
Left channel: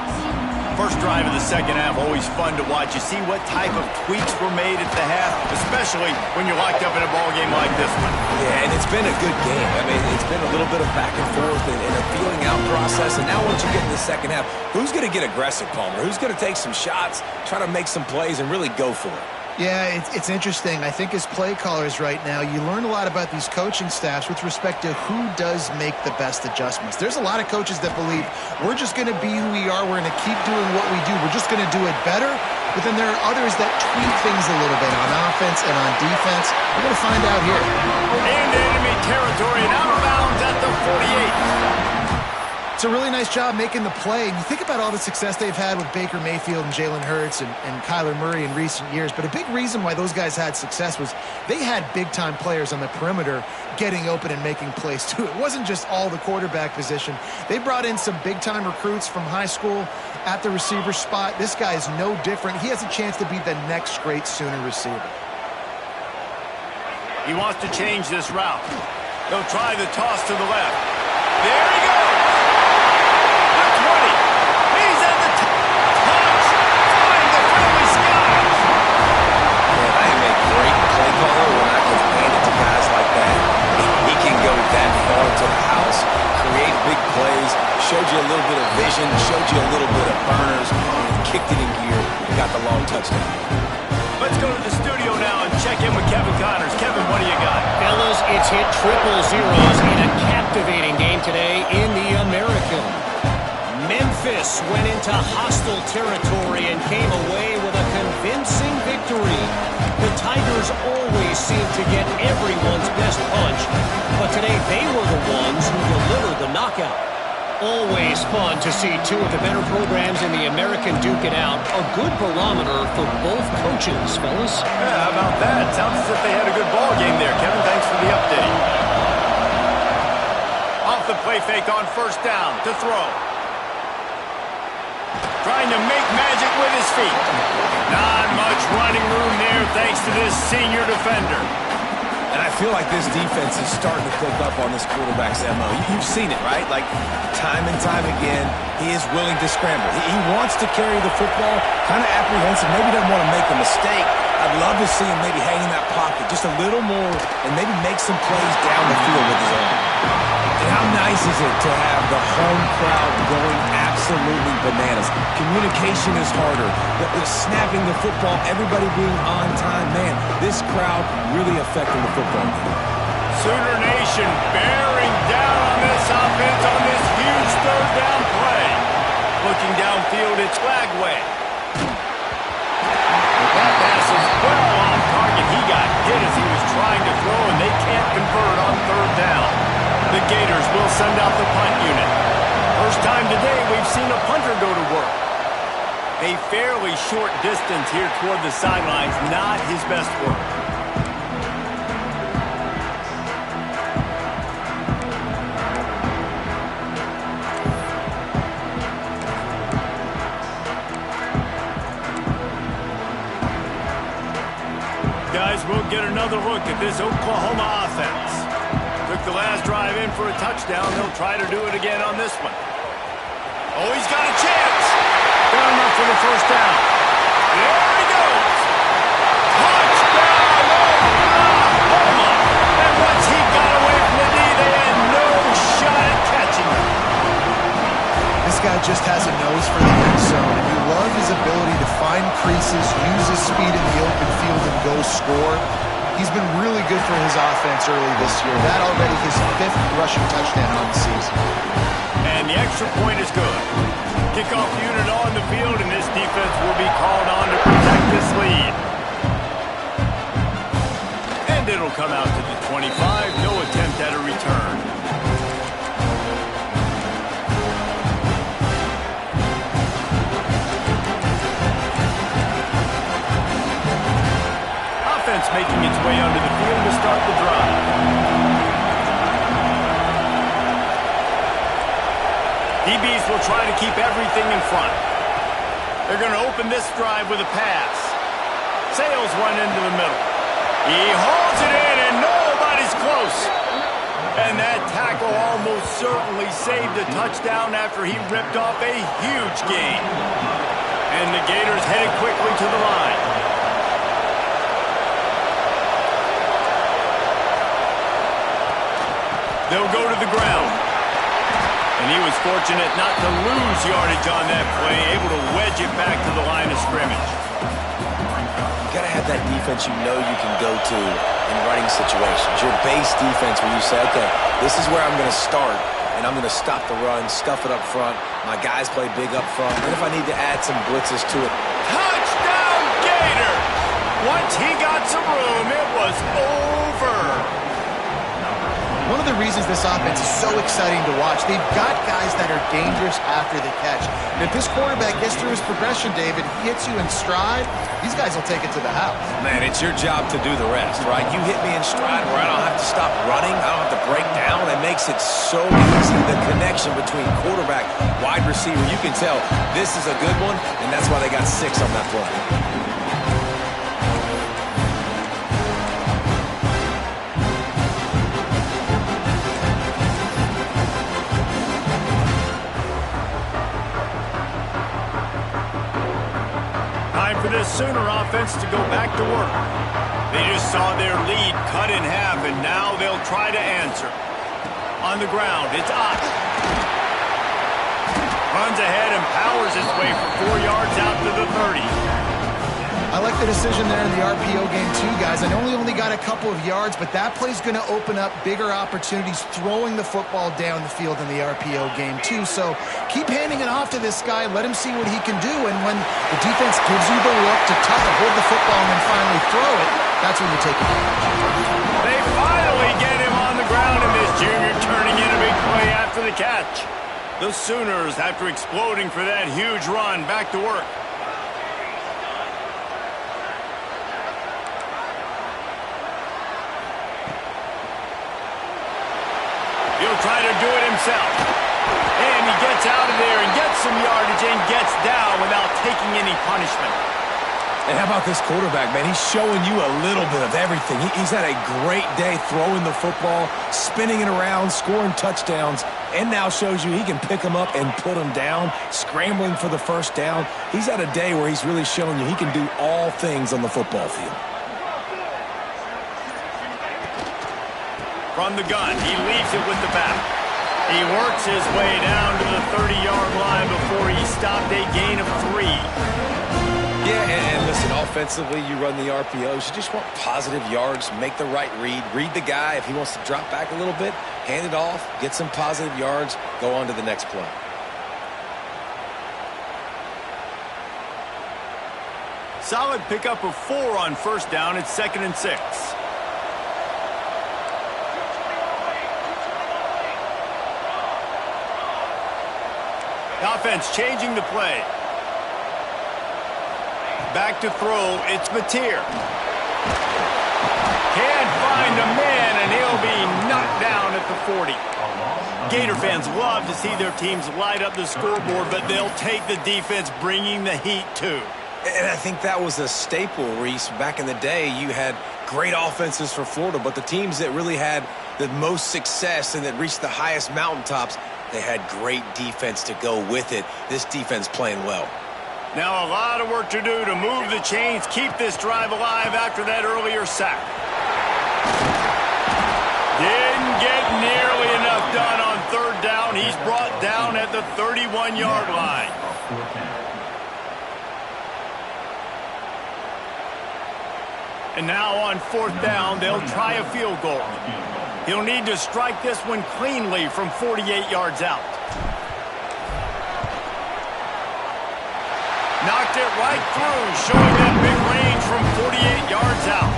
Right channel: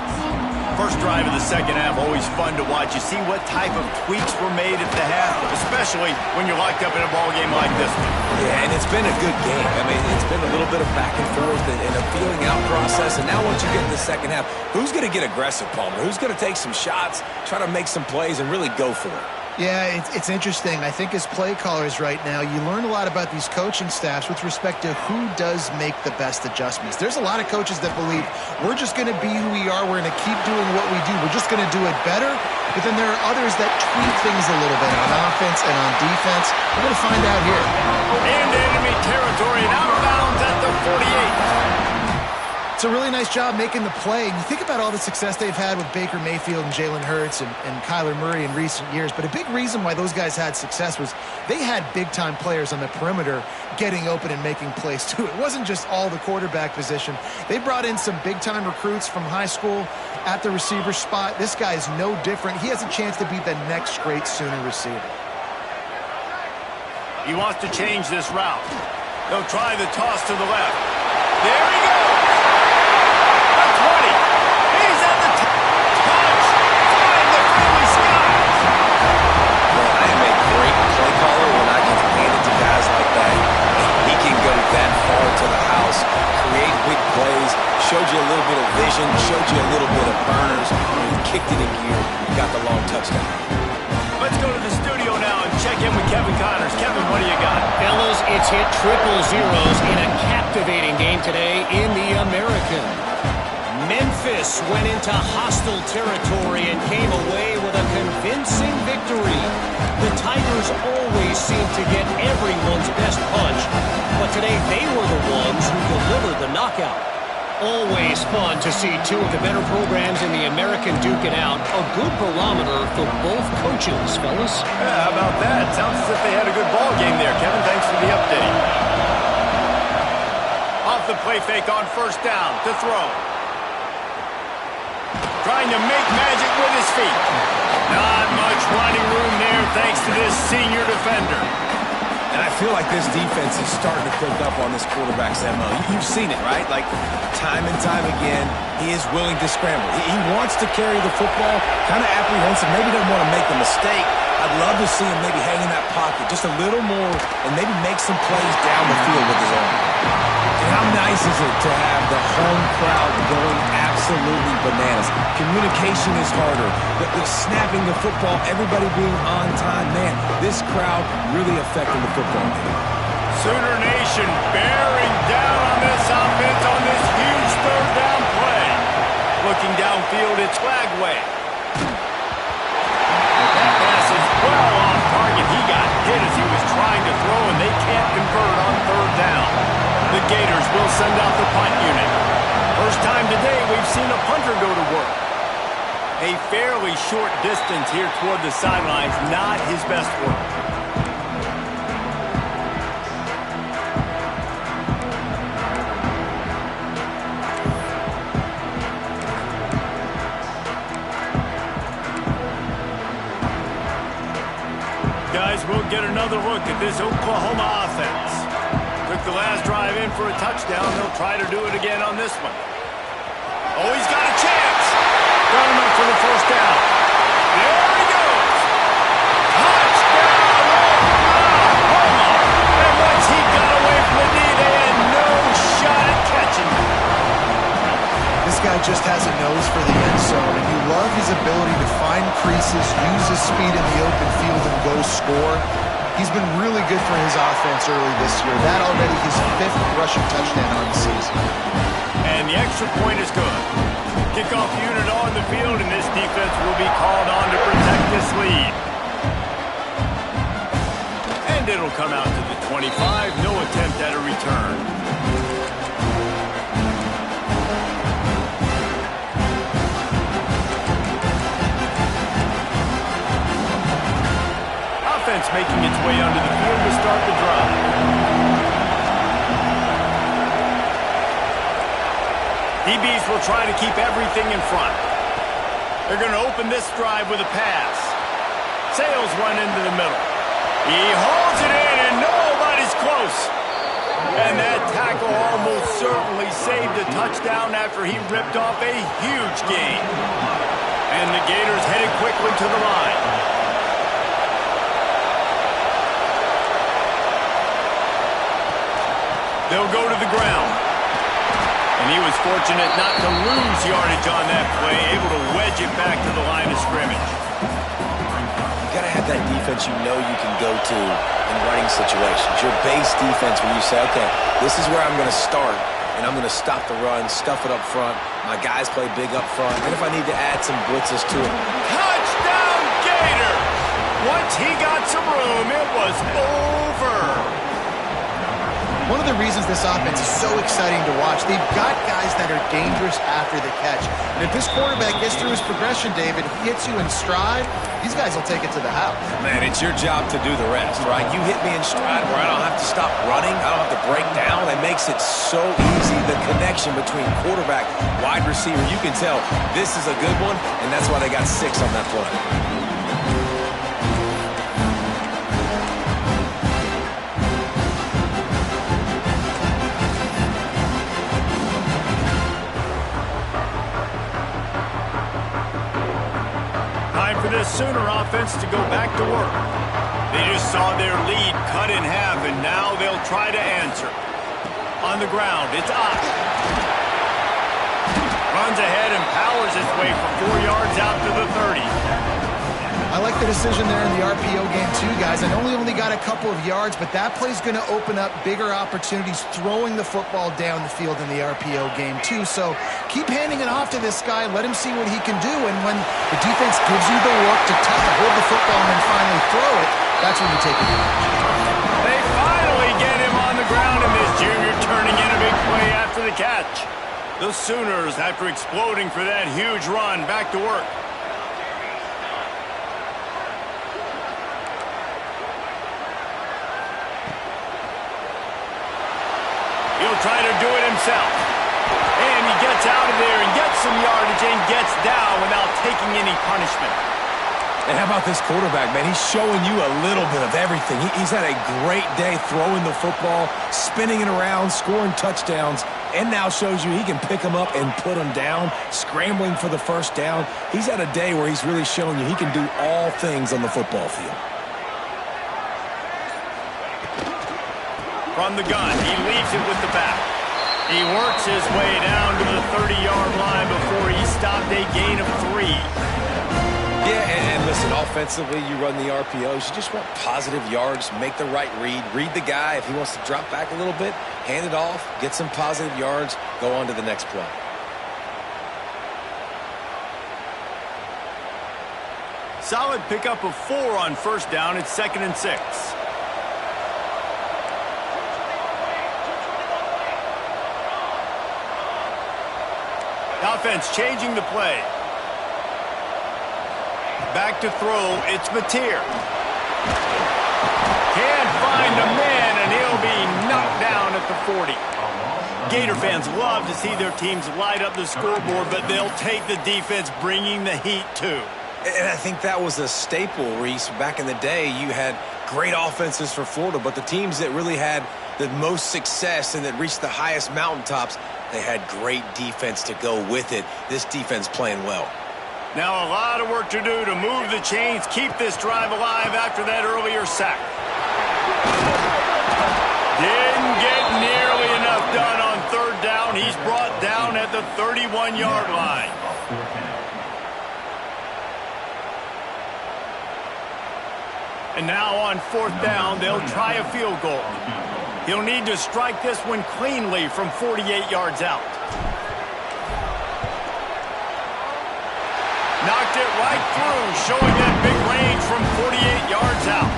First drive of the second half, always fun to watch. You see what type of tweaks were made at the half, especially when you're locked up in a ball game like this one. Yeah, and it's been a good game. I mean, it's been a little bit of back and forth and a feeling out process. And now once you get in the second half, who's going to get aggressive, Palmer? Who's going to take some shots, try to make some plays, and really go for it? Yeah, it's interesting. I think as play callers right now, you learn a lot about these coaching staffs with respect to who does make the best adjustments. There's a lot of coaches that believe we're just going to be who we are. We're going to keep doing what we do. We're just going to do it better. But then there are others that tweak things a little bit on offense and on defense. We're going to find out here. Into enemy territory and out of bounds at the 48. It's a really nice job making the play. And you think about all the success they've had with Baker Mayfield and Jalen Hurts and Kyler Murray in recent years. But a big reason why those guys had success was they had big-time players on the perimeter getting open and making plays, too. It wasn't just all the quarterback position. They brought in some big-time recruits from high school at the receiver spot. This guy is no different. He has a chance to be the next great Sooner receiver. He wants to change this route. They'll try the toss to the left. There he goes. 20. He's at the touch. Flying the friendly skies. Man, I am a great play caller when I can hand it to guys like that. He can go that far to the house, create big plays, showed you a little bit of vision, showed you a little bit of burners, and he kicked it in gear and got the long touchdown. Let's go to the studio now and check in with Kevin Connors. Kevin, what do you got? Fellas, it's hit triple zeros in a captivating game today in the American. Memphis went into hostile territory and came away with a convincing victory. The Tigers always seem to get everyone's best punch, but today they were the ones who delivered the knockout. Always fun to see two of the better programs in the American duke it out. A good barometer for both coaches, fellas. Yeah, how about that? Sounds as if they had a good ball game there. Kevin, thanks for the update. Off the play fake on first down to throw. Trying to make magic with his feet. Not much running room there thanks to this senior defender. And I feel like this defense is starting to pick up on this quarterback's MO. You've seen it, right? Like, time and time again, he is willing to scramble. He wants to carry the football, kind of apprehensive, maybe doesn't want to make a mistake. I'd love to see him maybe hang in that pocket just a little more and maybe make some plays down the field with his arm. And how nice is it to have the home crowd going absolutely bananas? Communication is harder. The snapping the football, everybody being on time. Man, this crowd really affecting the football game. Sooner Nation bearing down on this offense on this huge third down play. Looking downfield, it's Flagway. That pass is well off target. He got hit as he was trying to throw, and they can't convert on third down. The Gators will send out the punt unit. First time today we've seen a punter go to work. A fairly short distance here toward the sidelines, not his best work. Guys, we'll get another look at this Oklahoma offense. Took the last drive in for a touchdown. They'll try to do it again on this one. Oh, he's got a chance. Got enough for the first down. There he goes. Touchdown, Oklahoma. And once he got away from the knee, they had no shot at catching him. This guy just has a nose for the end zone, and you love his ability to find creases, use his speed in the open field, and go score. He's been really good for his offense early this year. That already his 5th rushing touchdown on the season. And the extra point is good. Kickoff unit on the field, and this defense will be called on to protect this lead. And it'll come out to the 25. No attempt at a return. Offense making its way onto the field to start the drive. DBs will try to keep everything in front. They're going to open this drive with a pass. Sales one into the middle. He hauls it in, and nobody's close. And that tackle almost certainly saved a touchdown after he ripped off a huge gain. And the Gators headed quickly to the line. They'll go to the ground. And he was fortunate not to lose yardage on that play, able to wedge it back to the line of scrimmage. You got to have that defense you know you can go to in running situations. Your base defense where you say, okay, this is where I'm going to start, and I'm going to stop the run, stuff it up front. My guys play big up front. And if I need to add some blitzes to it. Touchdown, Gators! Once he got some room, it was over. One of the reasons this offense is so exciting to watch, they've got guys that are dangerous after the catch. And if this quarterback gets through his progression, David, hits you in stride, these guys will take it to the house. Man, it's your job to do the rest, right? You hit me in stride where I don't have to stop running. I don't have to break down. That makes it so easy. The connection between quarterback, wide receiver, you can tell this is a good one, and that's why they got 6 on that play. For this Sooner offense to go back to work. They just saw their lead cut in half, and now they'll try to answer. On the ground, it's Uff. Runs ahead and powers his way for 4 yards out to the 30. I like the decision there in the RPO game too, guys. I know he only got a couple of yards, but that play's going to open up bigger opportunities throwing the football down the field in the RPO game too. So keep handing it off to this guy. Let him see what he can do. And when the defense gives you the look to tuck it, hold the football, and then finally throw it, that's when you take advantage. They finally get him on the ground, and this junior turning in a big play after the catch. The Sooners, after exploding for that huge run, back to work. He'll try to do it himself. And he gets out of there and gets some yardage and gets down without taking any punishment. And how about this quarterback, man? He's showing you a little bit of everything. He's had a great day throwing the football, spinning it around, scoring touchdowns, and now shows you he can pick them up and put them down, scrambling for the first down. He's had a day where he's really showing you he can do all things on the football field. From the gun, he leaves it with the back. He works his way down to the 30-yard line before he stopped a gain of 3. Yeah, and listen, offensively, you run the RPOs. You just want positive yards, make the right read the guy. If he wants to drop back a little bit, hand it off, get some positive yards, go on to the next play. Solid pickup of 4 on first down. It's 2nd and 6. The offense changing the play. Back to throw. It's Mateer. Can't find a man, and he'll be knocked down at the 40. Gator fans love to see their teams light up the scoreboard, but they'll take the defense bringing the heat too. And I think that was a staple, Reese. Back in the day, you had great offenses for Florida, but the teams that really had the most success and that reached the highest mountaintops, they had great defense to go with it. This defense playing well. Now a lot of work to do to move the chains, keep this drive alive after that earlier sack. Didn't get nearly enough done on third down. He's brought down at the 31-yard line. And now on fourth down, they'll try a field goal. He'll need to strike this one cleanly from 48 yards out. Knocked it right through, showing that big range from 48 yards out.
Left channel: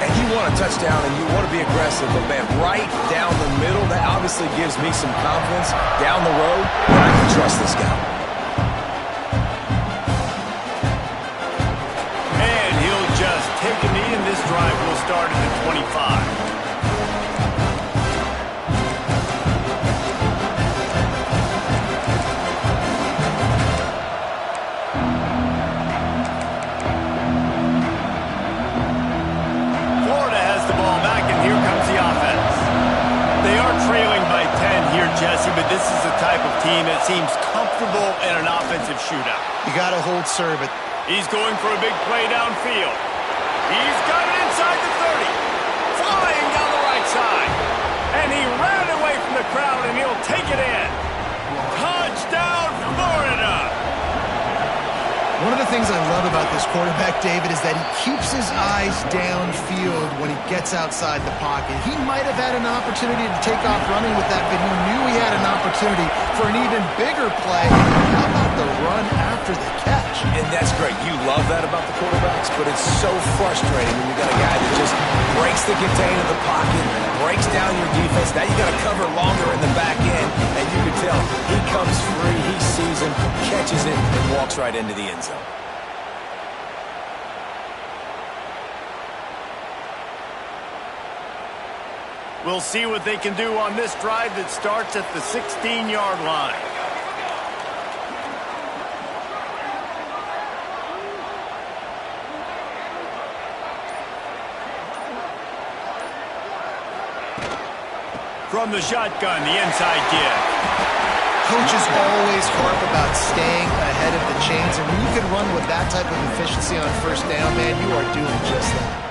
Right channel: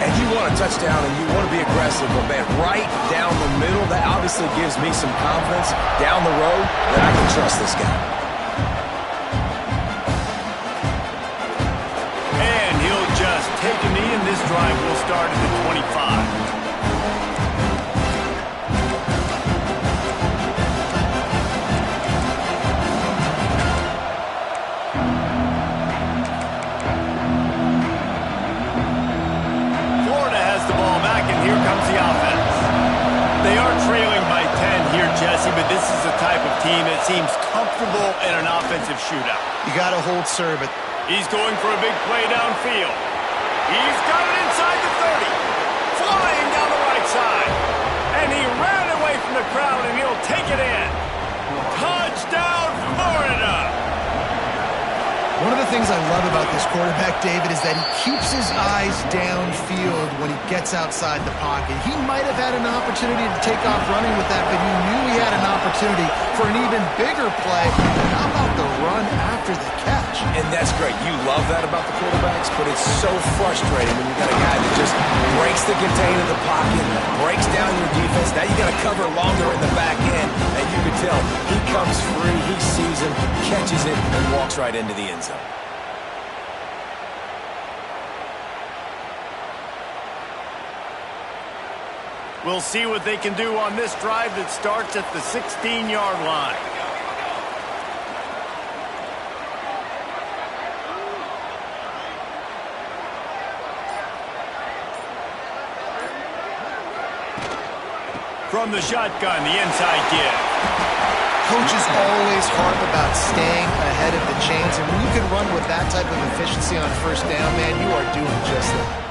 And you want a touchdown and you want to be aggressive, but man, right down the middle, that obviously gives me some confidence down the road that I can trust this guy. And he'll just take a knee, and this drive will start at the 25. Here comes the offense. They are trailing by 10 here, Jesse, but this is the type of team that seems comfortable in an offensive shootout. You got to hold serve it. He's going for a big play downfield. He's got it inside the 30. Flying down the right side. And he ran away from the crowd, and he'll take it in. Touchdown, Florida! One of the things I love about this quarterback, David, is that he keeps his eyes downfield when he gets outside the pocket. He might have had an opportunity to take off running with that, but he knew he had an opportunity for an even bigger play. How about the run after the catch? And that's great. You love that about the quarterbacks, but it's so frustrating when you got a guy that just breaks the contain of the pocket, breaks down your defense. Now you got to cover longer in the back end, and you can tell he comes free, he sees him, catches it, and walks right into the end zone. We'll see what they can do on this drive that starts at the 16-yard line. From the shotgun, the inside give. Coaches always harp about staying ahead of the chains, and when you can run with that type of efficiency on first down, man, you are doing just that.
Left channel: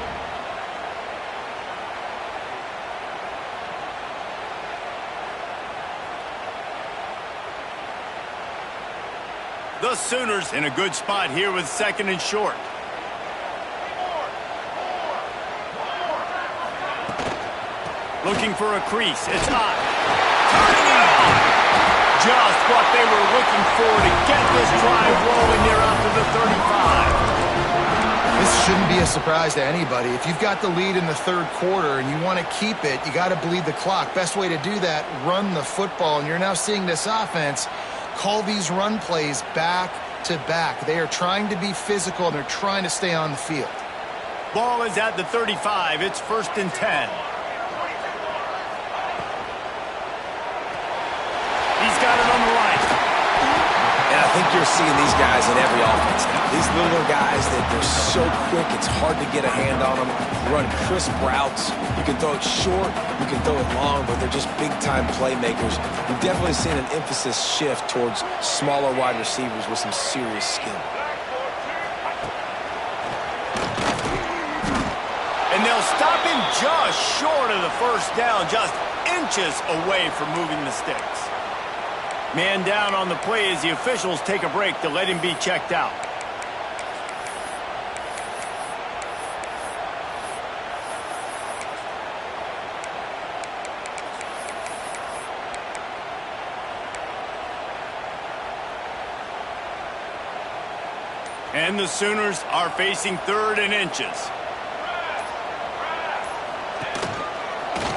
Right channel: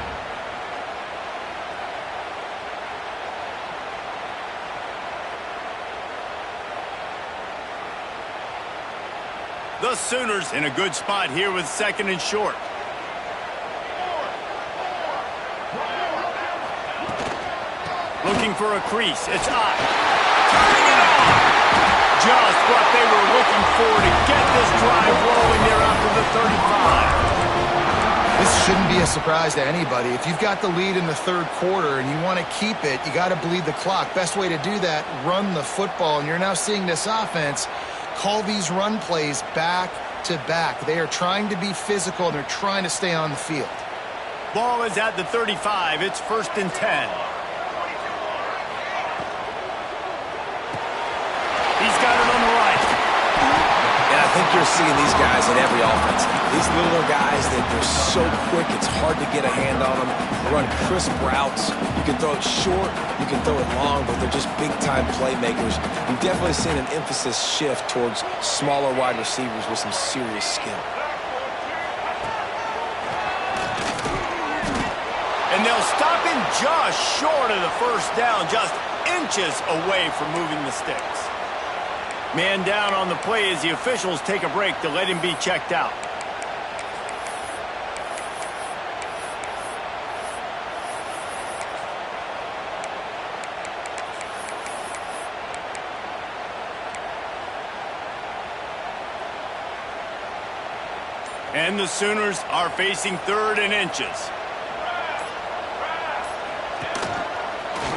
The Sooners in a good spot here with 2nd and short. Looking for a crease. It's Ott. Turning it on. Just what they were looking for to get this drive rolling there out to the 35. This shouldn't be a surprise to anybody. If you've got the lead in the third quarter and you want to keep it, you got to bleed the clock. Best way to do that, run the football. And you're now seeing this offense call these run plays back to back. They are trying to be physical, and they're trying to stay on the field. Ball is at the 35. It's 1st and 10. He's got it on the right. And I think you're seeing these guys in every offense now. These littler guys, they're so quick, it's hard to get a hand on them. Run crisp routes. You can throw it short, you can throw it long, but they're just big-time playmakers. You've definitely seen an emphasis shift towards smaller wide receivers with some serious skill. And they'll stop him just short of the first down, just inches away from moving the sticks. Man down on the play as the officials take a break to let him be checked out. And the Sooners are facing 3rd and inches.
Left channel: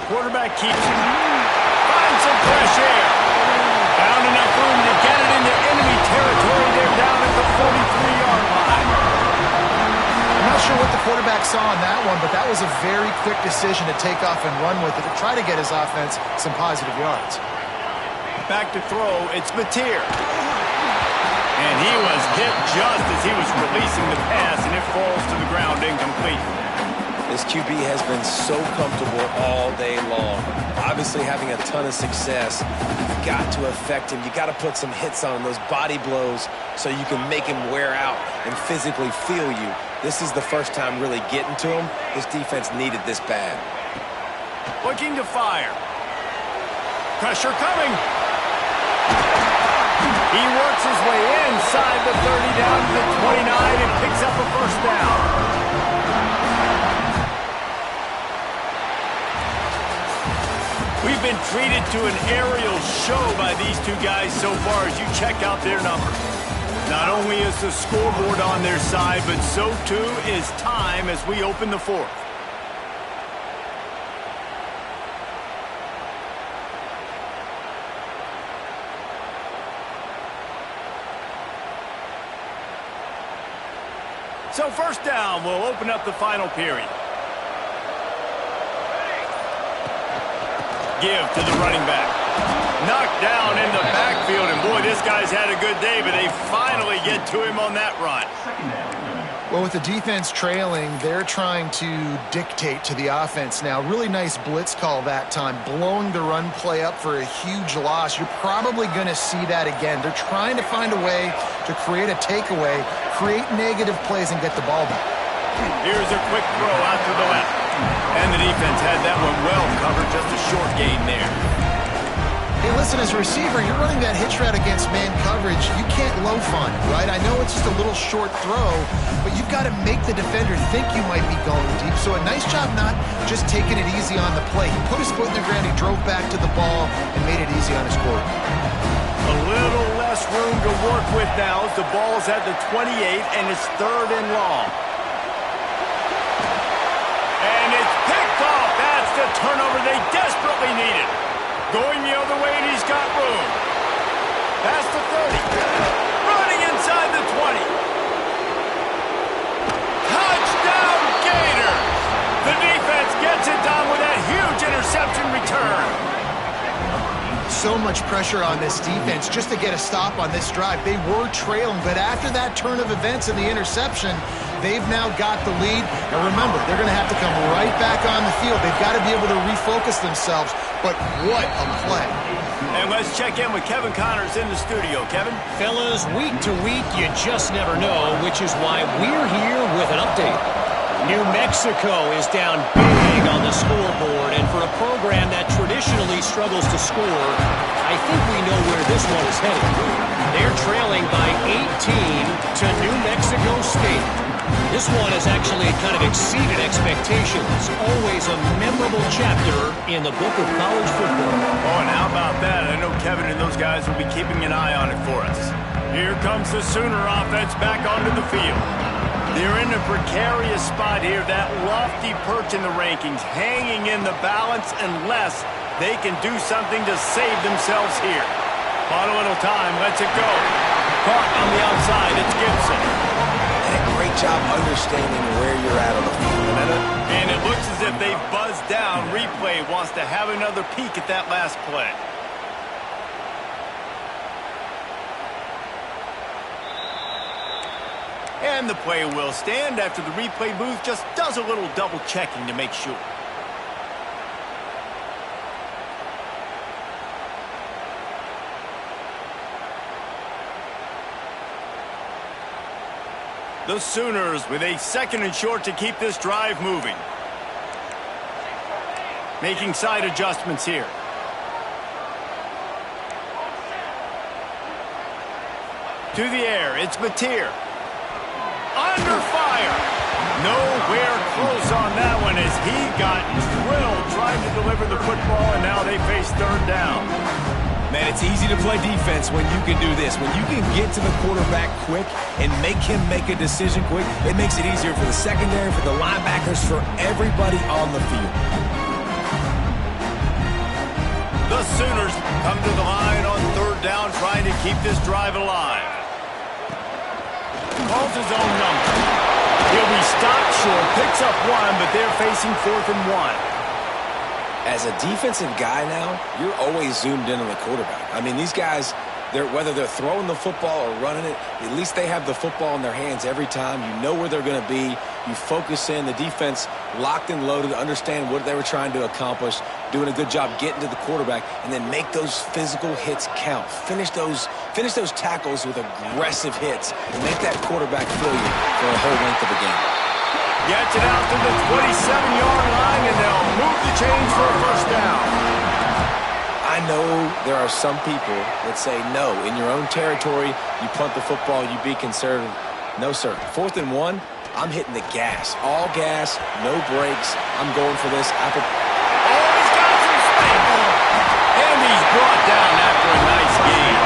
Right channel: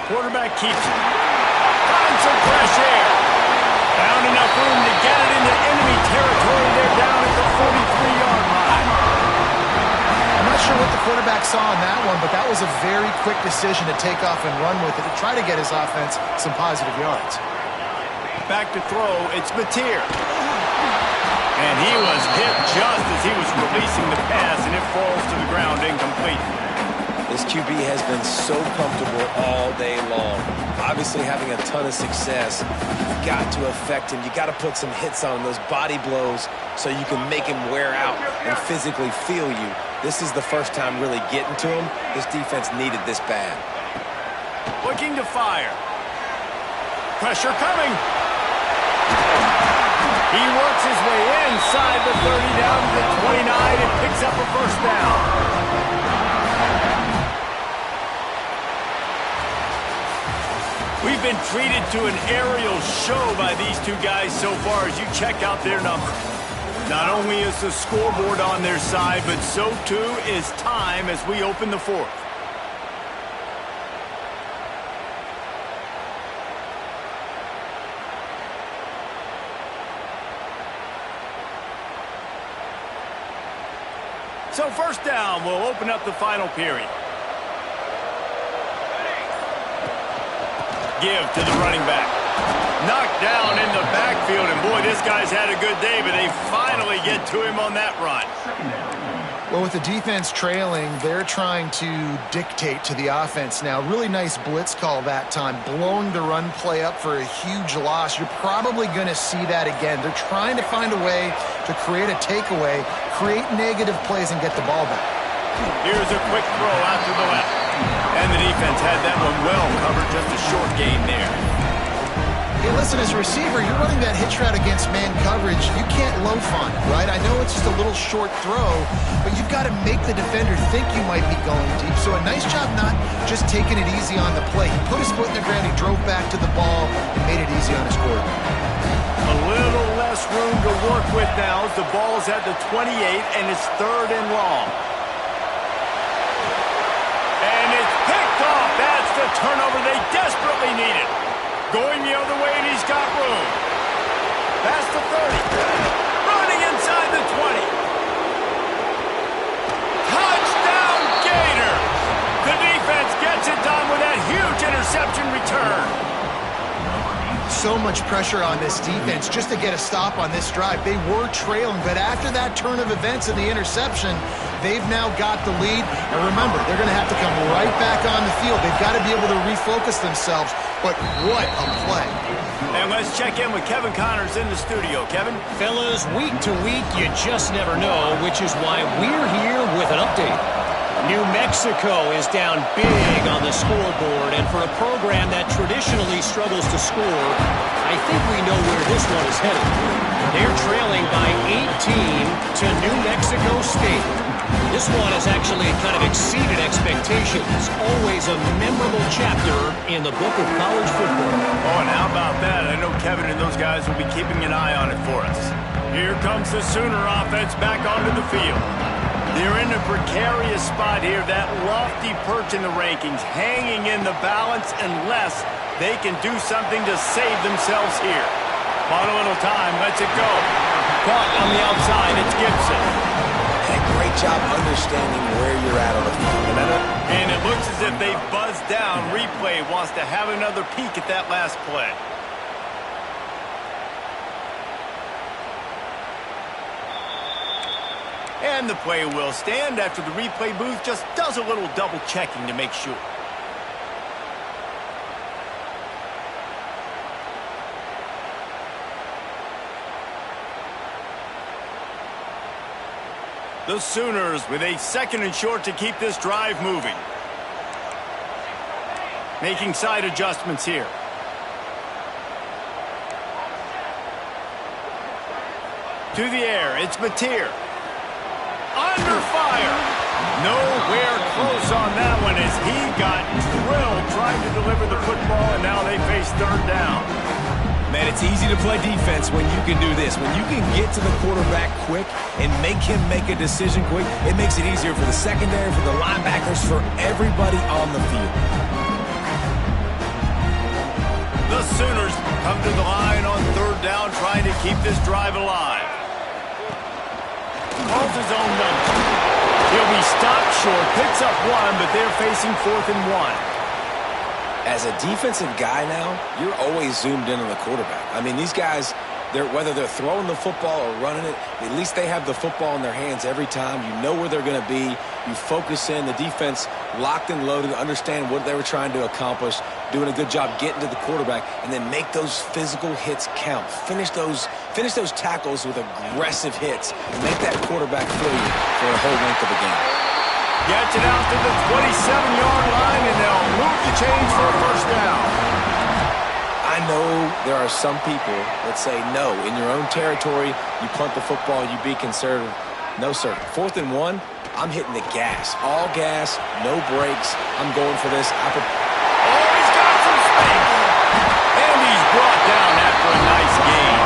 Quarterback keeps it. Finds some fresh air. Found enough room to get it into enemy territory. They're down at the 43-yard line. I'm not sure what the quarterback saw on that one, but that was a very quick decision to take off and run with it to try to get his offense some positive yards. Back to throw, it's Mateer. And he was hit just as he was releasing the pass, and it falls to the ground incomplete. This QB has been so comfortable all day long. Obviously having a ton of success. You've got to affect him. You got to put some hits on him, those body blows, so you can make him wear out and physically feel you. This is the first time really getting to him. This defense needed this bad. Looking to fire. Pressure coming. He works his way inside the 30 down to the 29 and picks up a first down. We've been treated to an aerial show by these two guys so far as you check out their numbers. Not only is the scoreboard on their side, but so too is time as we open the 4th. So 1st down will open up the final period. Give to the running back. Knocked down in the backfield, and boy, this guy's had a good day, but they finally get to him on that run. Well, with the defense trailing, they're trying to dictate to the offense now. Really nice blitz call that time, blowing the run play up for a huge loss. You're probably going to see that again. They're trying to find a way to create a takeaway, create negative plays, and get the ball back. Here's a quick throw out to the left. And the defense had that one well covered, just a short gain there. Hey, listen, as a receiver, you're running that hitch route against man coverage. You can't loaf on it, right? I know it's just a little short throw, but you've got to make the defender think you might be going deep. So a nice job not just taking it easy on the play. He put his foot in the ground, he drove back to the ball, and made it easy on his quarterback. A little less room to work with now as the ball's at the 28, and it's 3rd and long. And it's picked off. That's the turnover they desperately needed. Going the other way, and he's got room. Past the 30. Running inside the 20. Touchdown, Gators! The defense gets it done with that huge interception return. So much pressure on this defense just to get a stop on this drive. They were trailing, but after that turn of events and the interception, they've now got the lead. And remember, they're going to have to come right back on the field. They've got to be able to refocus themselves. But what a play. And let's check in with Kevin Connors in the studio. Kevin? Fellas, week to week, you just never know, which is why we're here with an update. New Mexico is down big on the scoreboard, and for a program that traditionally struggles to score, I think we know where this one is headed. They're trailing by 18 to New Mexico State. This one has actually kind of exceeded expectations. Always a memorable chapter in the book of college football. Oh, and how about that? I know Kevin and those guys will be keeping an eye on it for us. Here comes the Sooner offense back onto the field. They're in a precarious spot here, that lofty perch in the rankings, hanging in the balance unless they can do something to save themselves here. Bought a little time, lets it go. Caught on the outside, it's Gibson. And a great job understanding where you're at on the field. And it looks as if they've buzzed down. Replay wants to have another peek at that last play. And the play will stand after the replay booth just does a little double checking to make sure. The Sooners with a 2nd and short to keep this drive moving. Making side adjustments here. To the air, it's Mateer. Under fire. Nowhere close on that one as he got drilled trying to deliver the football, and now they face 3rd down. Man, it's easy to play defense when you can do this. When you can get to the quarterback quick and make him make a decision quick, it makes it easier for the secondary, for the linebackers, for everybody on the field. The Sooners come to the line on 3rd down, trying to keep this drive alive. Calls his own number. He'll be stopped short, picks up 1, but they're facing 4th and 1. As a defensive guy now, you're always zoomed in on the quarterback. I mean, these guys, whether they're throwing the football or running it, at least they have the football in their hands every time. You know where they're going to be. You focus in. The defense locked and loaded, understand what they were trying to accomplish, doing a good job getting to the quarterback, and then make those physical hits count. Finish those tackles with aggressive hits and make that quarterback feel you for a whole length of a game. Gets it out to the 27-yard line, and they'll move the chains for a 1st down. I know there are some people that say, no, in your own territory, you punt the football, you be conservative. No, sir. 4th and 1, I'm hitting the gas. All gas, no brakes. I'm going for this. Oh, he's got some space. And he's brought down after a nice gain.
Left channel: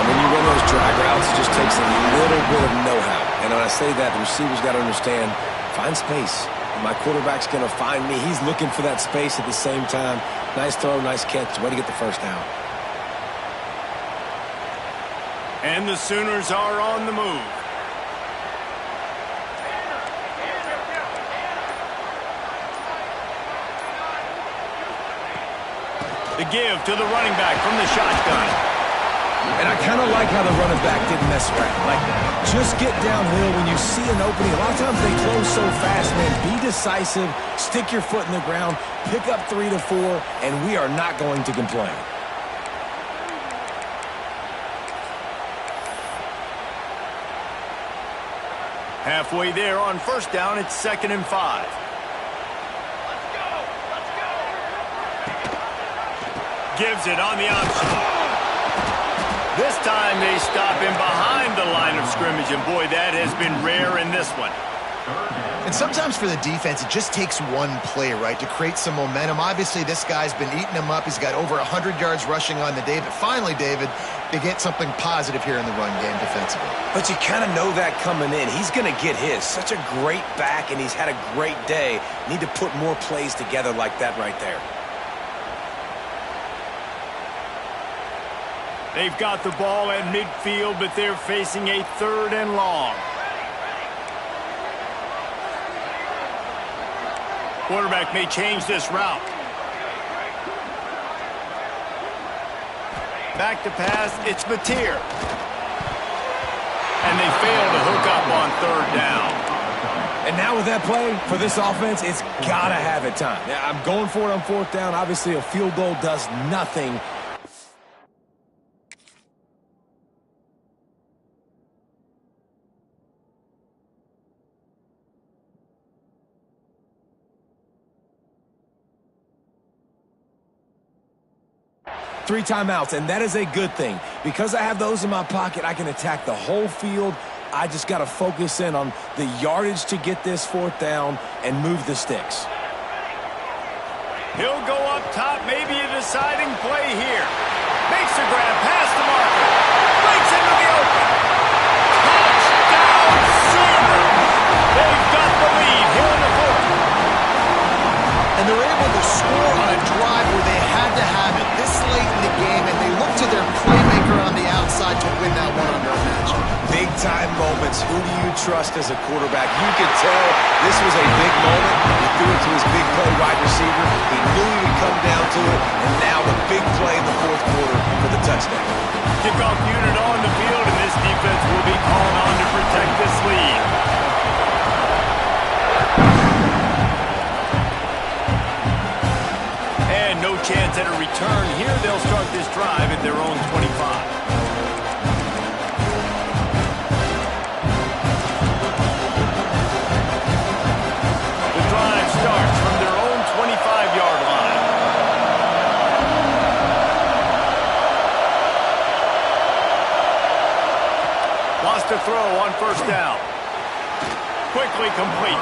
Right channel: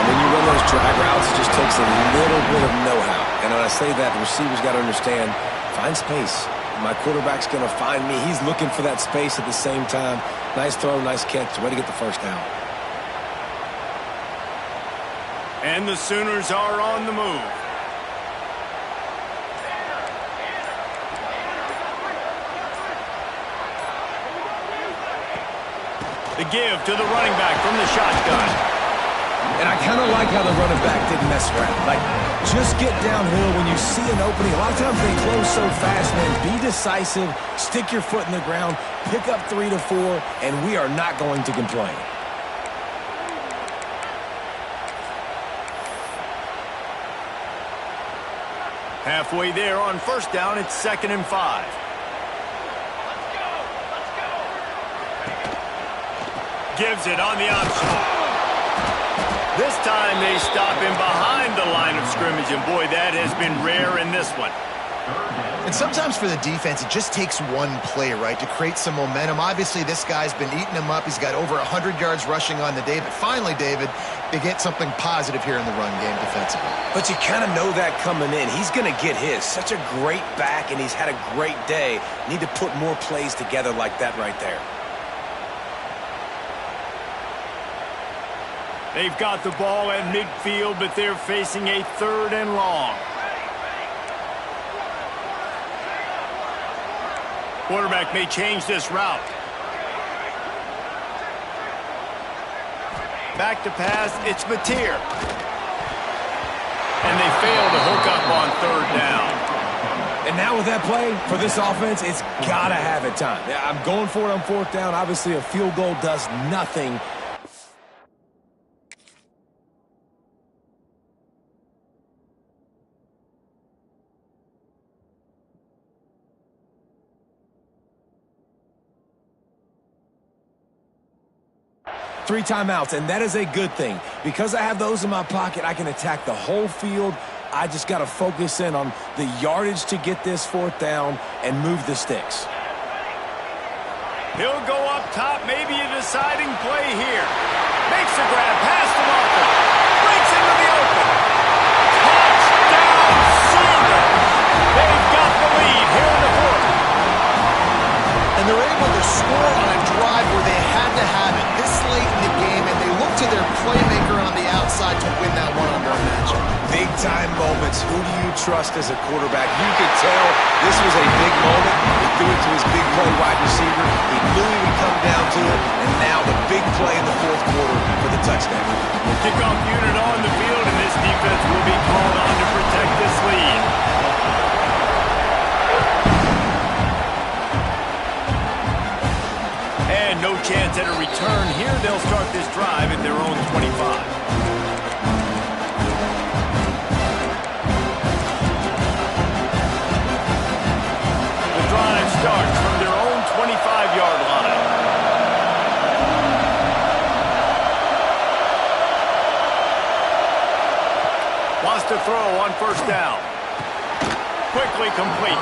And when you run those drag routes, it just takes a little bit of know-how. And when I say that, the receiver's got to understand, find space. My quarterback's going to find me. He's looking for that space at the same time. Nice throw, nice catch. Way to get the 1st down. And the Sooners are on the move. The give to the running back from the shotgun. And I kind of like how the running back didn't mess around. Like, just get downhill when you see an opening. A lot of times they close so fast, man. Be decisive, stick your foot in the ground, pick up 3 to 4, and we are not going to complain. Halfway there on 1st down, it's 2nd and 5. Gives it on the option. This time they stop him behind the line of scrimmage, and boy, that has been rare in this one. And sometimes for the defense, it just takes one play, right, to create some momentum. Obviously, this guy's been eating him up. He's got over 100 yards rushing on the day. But finally, David, they get something positive here in the run game defensively. But you kind of know that coming in. He's going to get his. Such a great back, and he's had a great day. Need to put more plays together like that right there. They've got the ball at midfield, but they're facing a 3rd and long. Quarterback may change this route. Back to pass, it's Mateer. And they fail to hook up on 3rd down. And now with that play, for this offense, it's got to have it time. Yeah, I'm going for it on 4th down. Obviously, a field goal does nothing. Three timeouts, and that is a good thing. Because I have those in my pocket, I can attack the whole field. I just got to focus in on the yardage to get this fourth down and move the sticks. He'll go up top, maybe a deciding play here. Makes a grab past the marker. Breaks into the open. Touchdown Sooners! They've got the lead here in the fourth. And they're able to score on a drive where they had to have it this late in the game, and they look to their playmaker on the outside to win that one-on-one matchup. Big-time moments. Who do you trust as a quarterback? You could tell this was a big moment. He threw it to his big play wide receiver. He knew he would come down to it, and now the big play in the fourth quarter for the touchdown. Kickoff unit on the field, and this defense will be called on to protect this lead. And no chance at a return here. They'll start this drive at their own 25. The drive starts from their own 25-yard line. Wants to throw on first down. Quickly complete.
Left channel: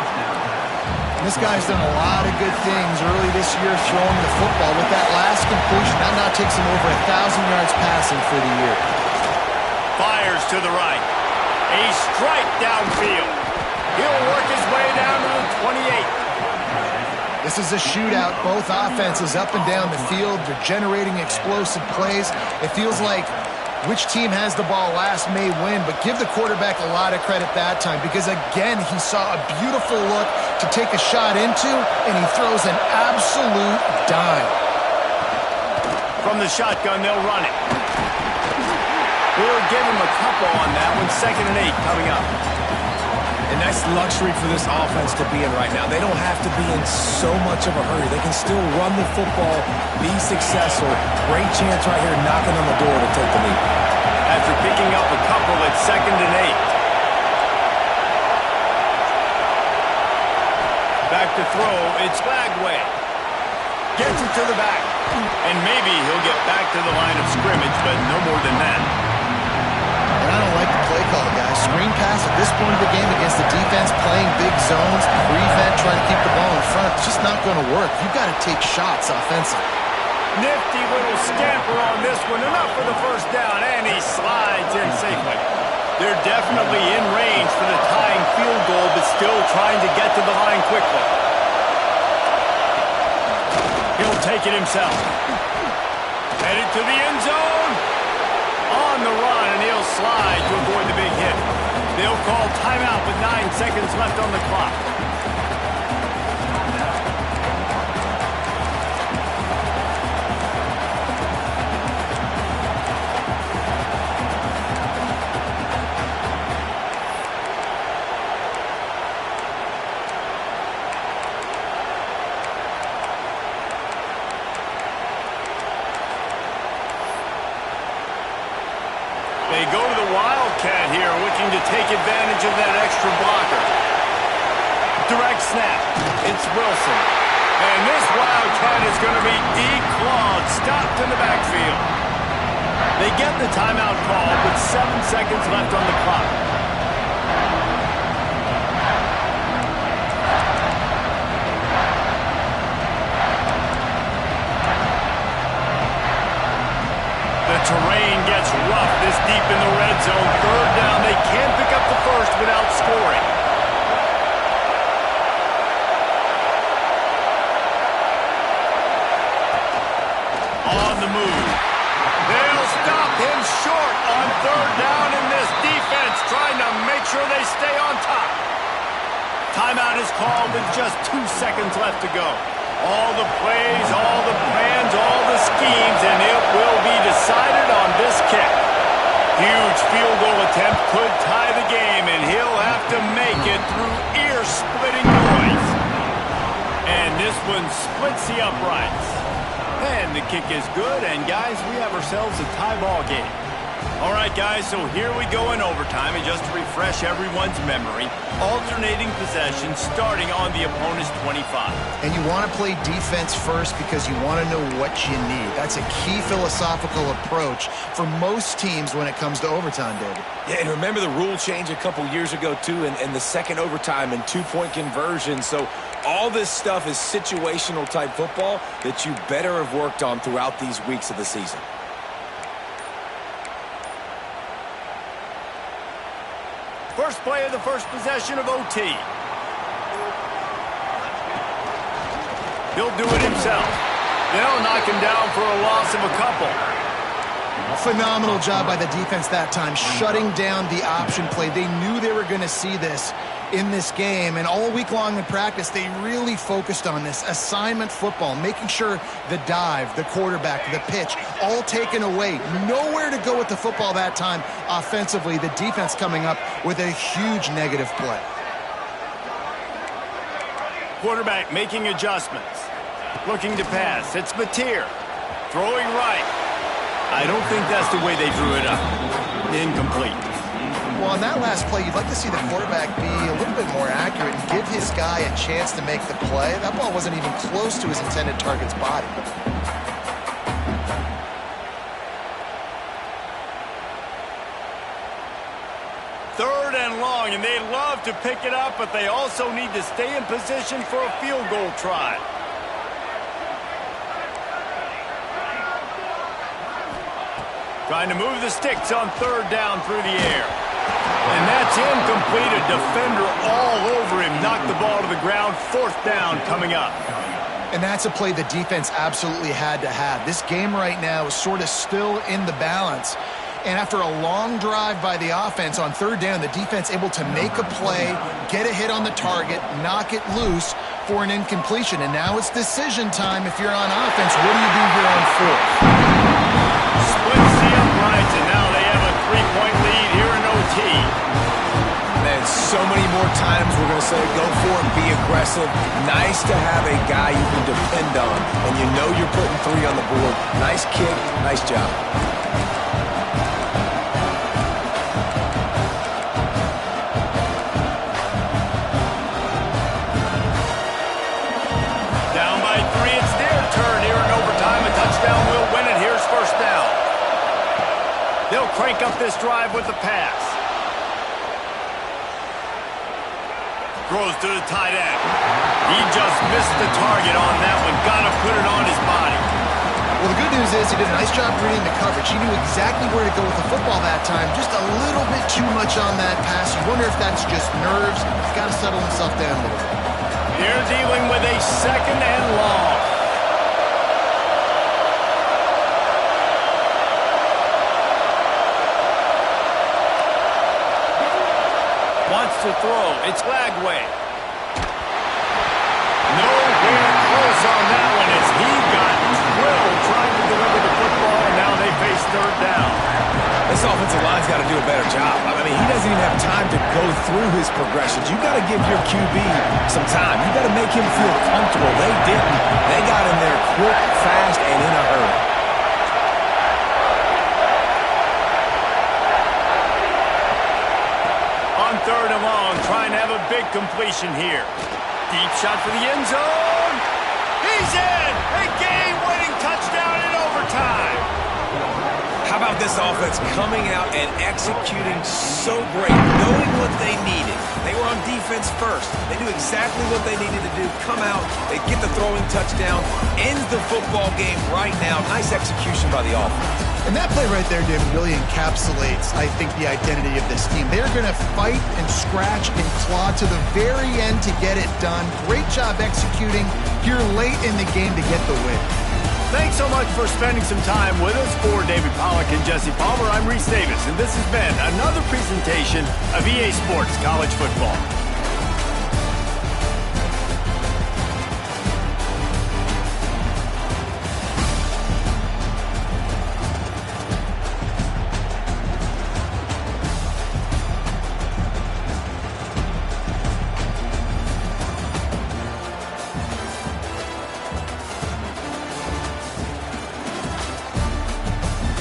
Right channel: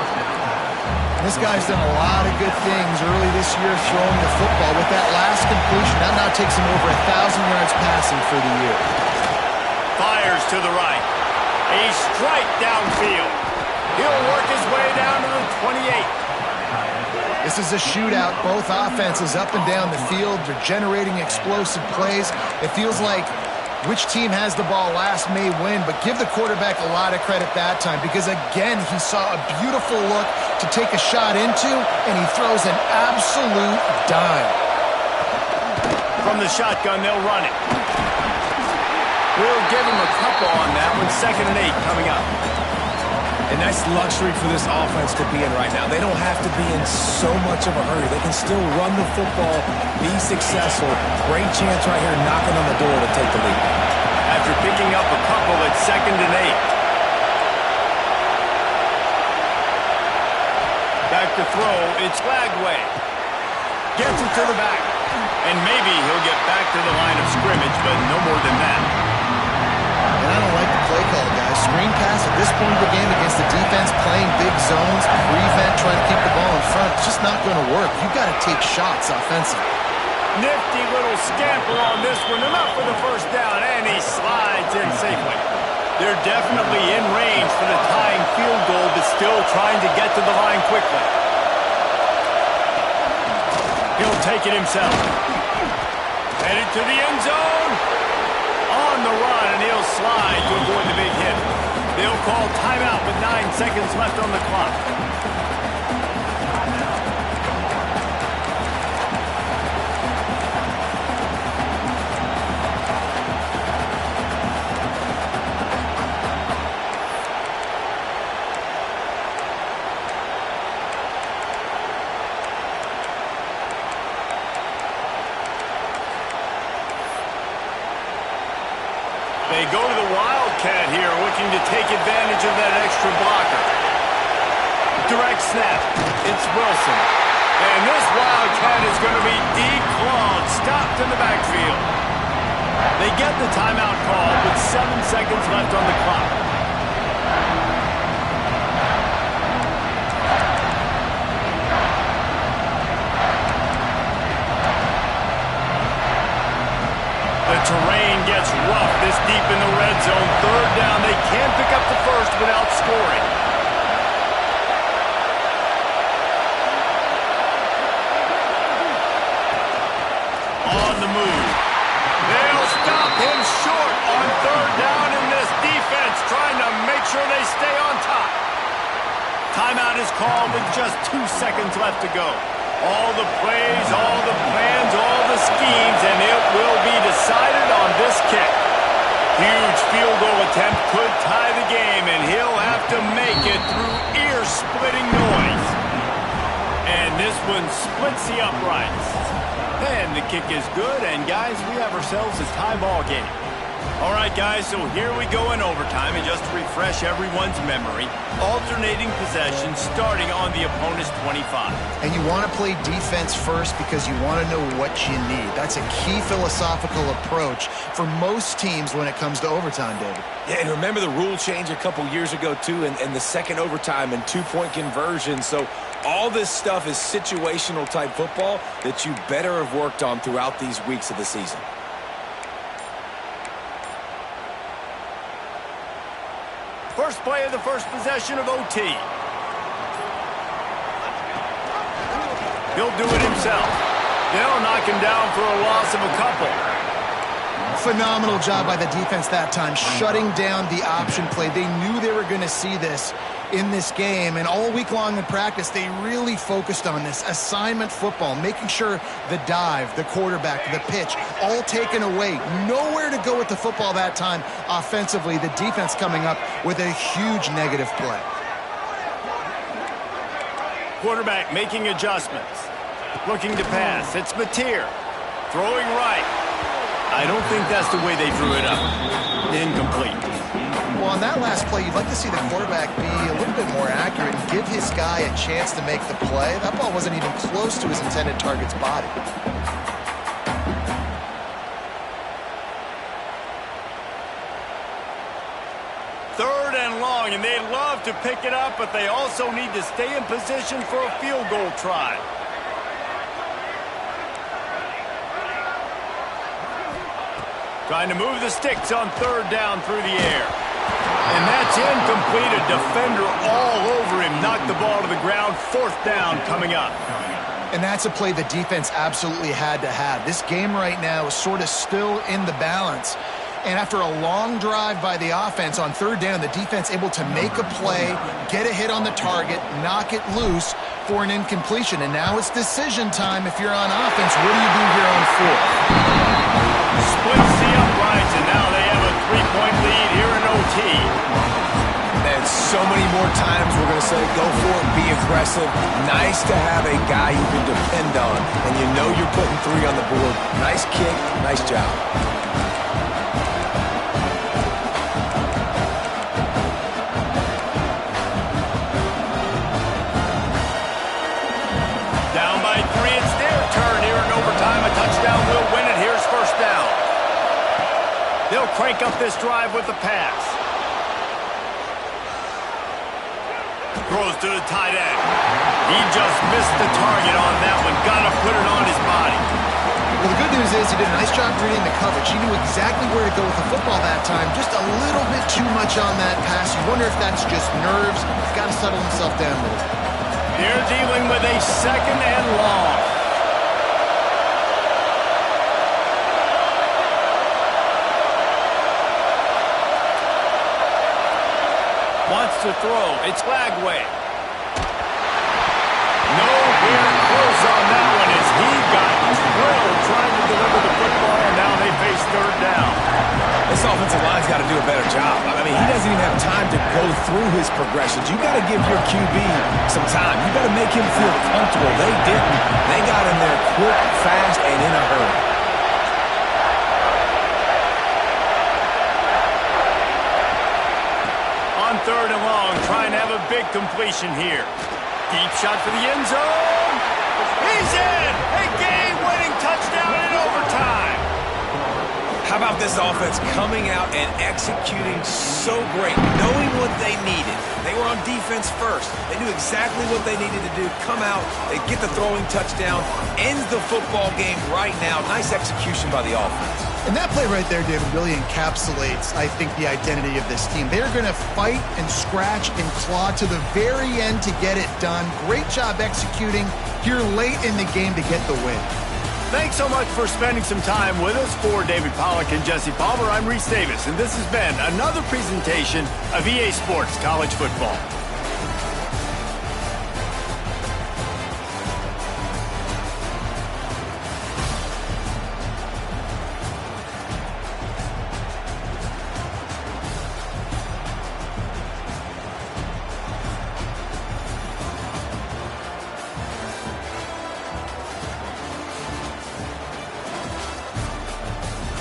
This guy's done a lot of good things early this year throwing the football. With that last completion, that now takes him over 1,000 yards passing for the year. Fires to the right. A strike downfield. He'll work his way down to the 28. This is a shootout. Both offenses up and down the field. They're generating explosive plays. It feels like which team has the ball last may win, but give the quarterback a lot of credit that time because, again, he saw a beautiful look to take a shot into, and he throws an absolute dime. From the shotgun, they'll run it. We'll give him a couple on that one. 2nd and 8 coming up. And that's luxury for this offense to be in right now. They don't have to be in so much of a hurry. They can still run the football, be successful. Great chance right here knocking on the door to take the lead. After picking up a couple at 2nd and 8. Back to throw. It's Flagway. Gets it to the back. And maybe he'll get back to the line of scrimmage, but no more than that. And I don't like the play call, guys. Screen pass at this point of the game against the defense, playing big zones, prevent, trying to keep the ball in front. It's just not going to work. You've got to take shots offensively. Nifty little scamper on this one. Enough for the first down, and he slides in safely. They're definitely in range for the tying field goal, but still trying to get to the line quickly. He'll take it himself. Headed to the end zone. On the run, and he'll slide to avoid the big hit. They'll call timeout with 9 seconds left on the clock. They go to the Wildcat here, looking to take advantage of that extra blocker. Direct snap. It's Wilson. And this Wildcat is going to be declawed, stopped in the backfield. They get the timeout call with 7 seconds left on the clock. The terrain gets rough this deep in the red zone. 3rd down. They can't pick up the first without scoring. On the move. They'll stop him short on 3rd down in this defense, trying to make sure they stay on top. Timeout is called with just 2 seconds left to go. All the plays, all the plans, all the schemes, and it will be decided on this kick. Huge field goal attempt could tie the game, and he'll have to make it through ear-splitting noise. And this one splits the uprights. And the kick is good, and guys, we have ourselves a tie ball game. All right, guys, so here we go in overtime, and just to refresh everyone's memory, alternating possession starting on the opponent's 25. And you want to play defense first because you want to know what you need. That's a key philosophical approach for most teams when it comes to overtime, David. Yeah, and remember the rule change a couple years ago, too, and the second overtime and two-point conversion. So all this stuff is situational type football that you better have worked on throughout these weeks of the season. First play of the first possession of OT. He'll do it himself. They'll knock him down for a loss of a couple. Phenomenal job by the defense that time, shutting down the option play. They knew they were going to see this in this game, and all week long in practice, they really focused on this assignment football, making sure the dive, the quarterback, the pitch, all taken away. Nowhere to go with the football that time offensively. The defense coming up with a huge negative play. Quarterback making adjustments. Looking to pass. It's Mateer. Throwing right. I don't think that's the way they drew it up. Incomplete. Well, on that last play, you'd like to see the quarterback be a little bit more accurate and give his guy a chance to make the play. That ball wasn't even close to his intended target's body. Third and long, and they love to pick it up, but they also need to stay in position for a field goal try. Trying to move the sticks on third down through the air. And that's incomplete. A defender all over him. Knocked the ball to the ground. Fourth down coming up. And that's a play the defense absolutely had to have. This game right now is sort of still in the balance. And after a long drive by the offense on third down, the defense able to make a play, get a hit on the target, knock it loose for an incompletion. And now it's decision time if you're on offense. What do you do here on fourth? Splits the uprights, and now they have a 3-point lead here in OT. And so many more times we're going to say, go for it, be aggressive. Nice to have a guy you can depend on, and you know you're putting 3 on the board. Nice kick, nice job. Down by 3, it's their turn here in overtime. A touchdown will win it. Here's first down. They'll crank up this drive with the pass. Throws to the tight end. He just missed the target on that one. Got to put it on his body. Well, the good news is he did a nice job reading the coverage. He knew exactly where to go with the football that time. Just a little bit too much on that pass. You wonder if that's just nerves. He's got to settle himself down a little bit. They're dealing with a second and long. Wants to throw. It's Lagway. Nowhere close on that one as he got drilled trying to deliver the football, and now they face third down. This offensive line's got to do a better job. I mean, he doesn't even have time to go through his progressions. You got to give your QB some time. You got to make him feel comfortable. They didn't. They got in there quick, fast, and in a hurry. On third and long, trying to have a big completion here. Deep shot for the end zone. He's in! A game-winning touchdown in overtime. How about this offense coming out and executing so great, knowing what they needed. They were on defense first. They knew exactly what they needed to do. Come out, they get the throwing touchdown, ends the football game right now. Nice execution by the offense. And that play right there, David, really encapsulates, I think, the identity of this team. They're going to fight and scratch and claw to the very end to get it done. Great job executing here late in the game to get the win. Thanks so much for spending some time with us. For David Pollack and Jesse Palmer, I'm Reese Davis, and this has been another presentation of EA Sports College Football.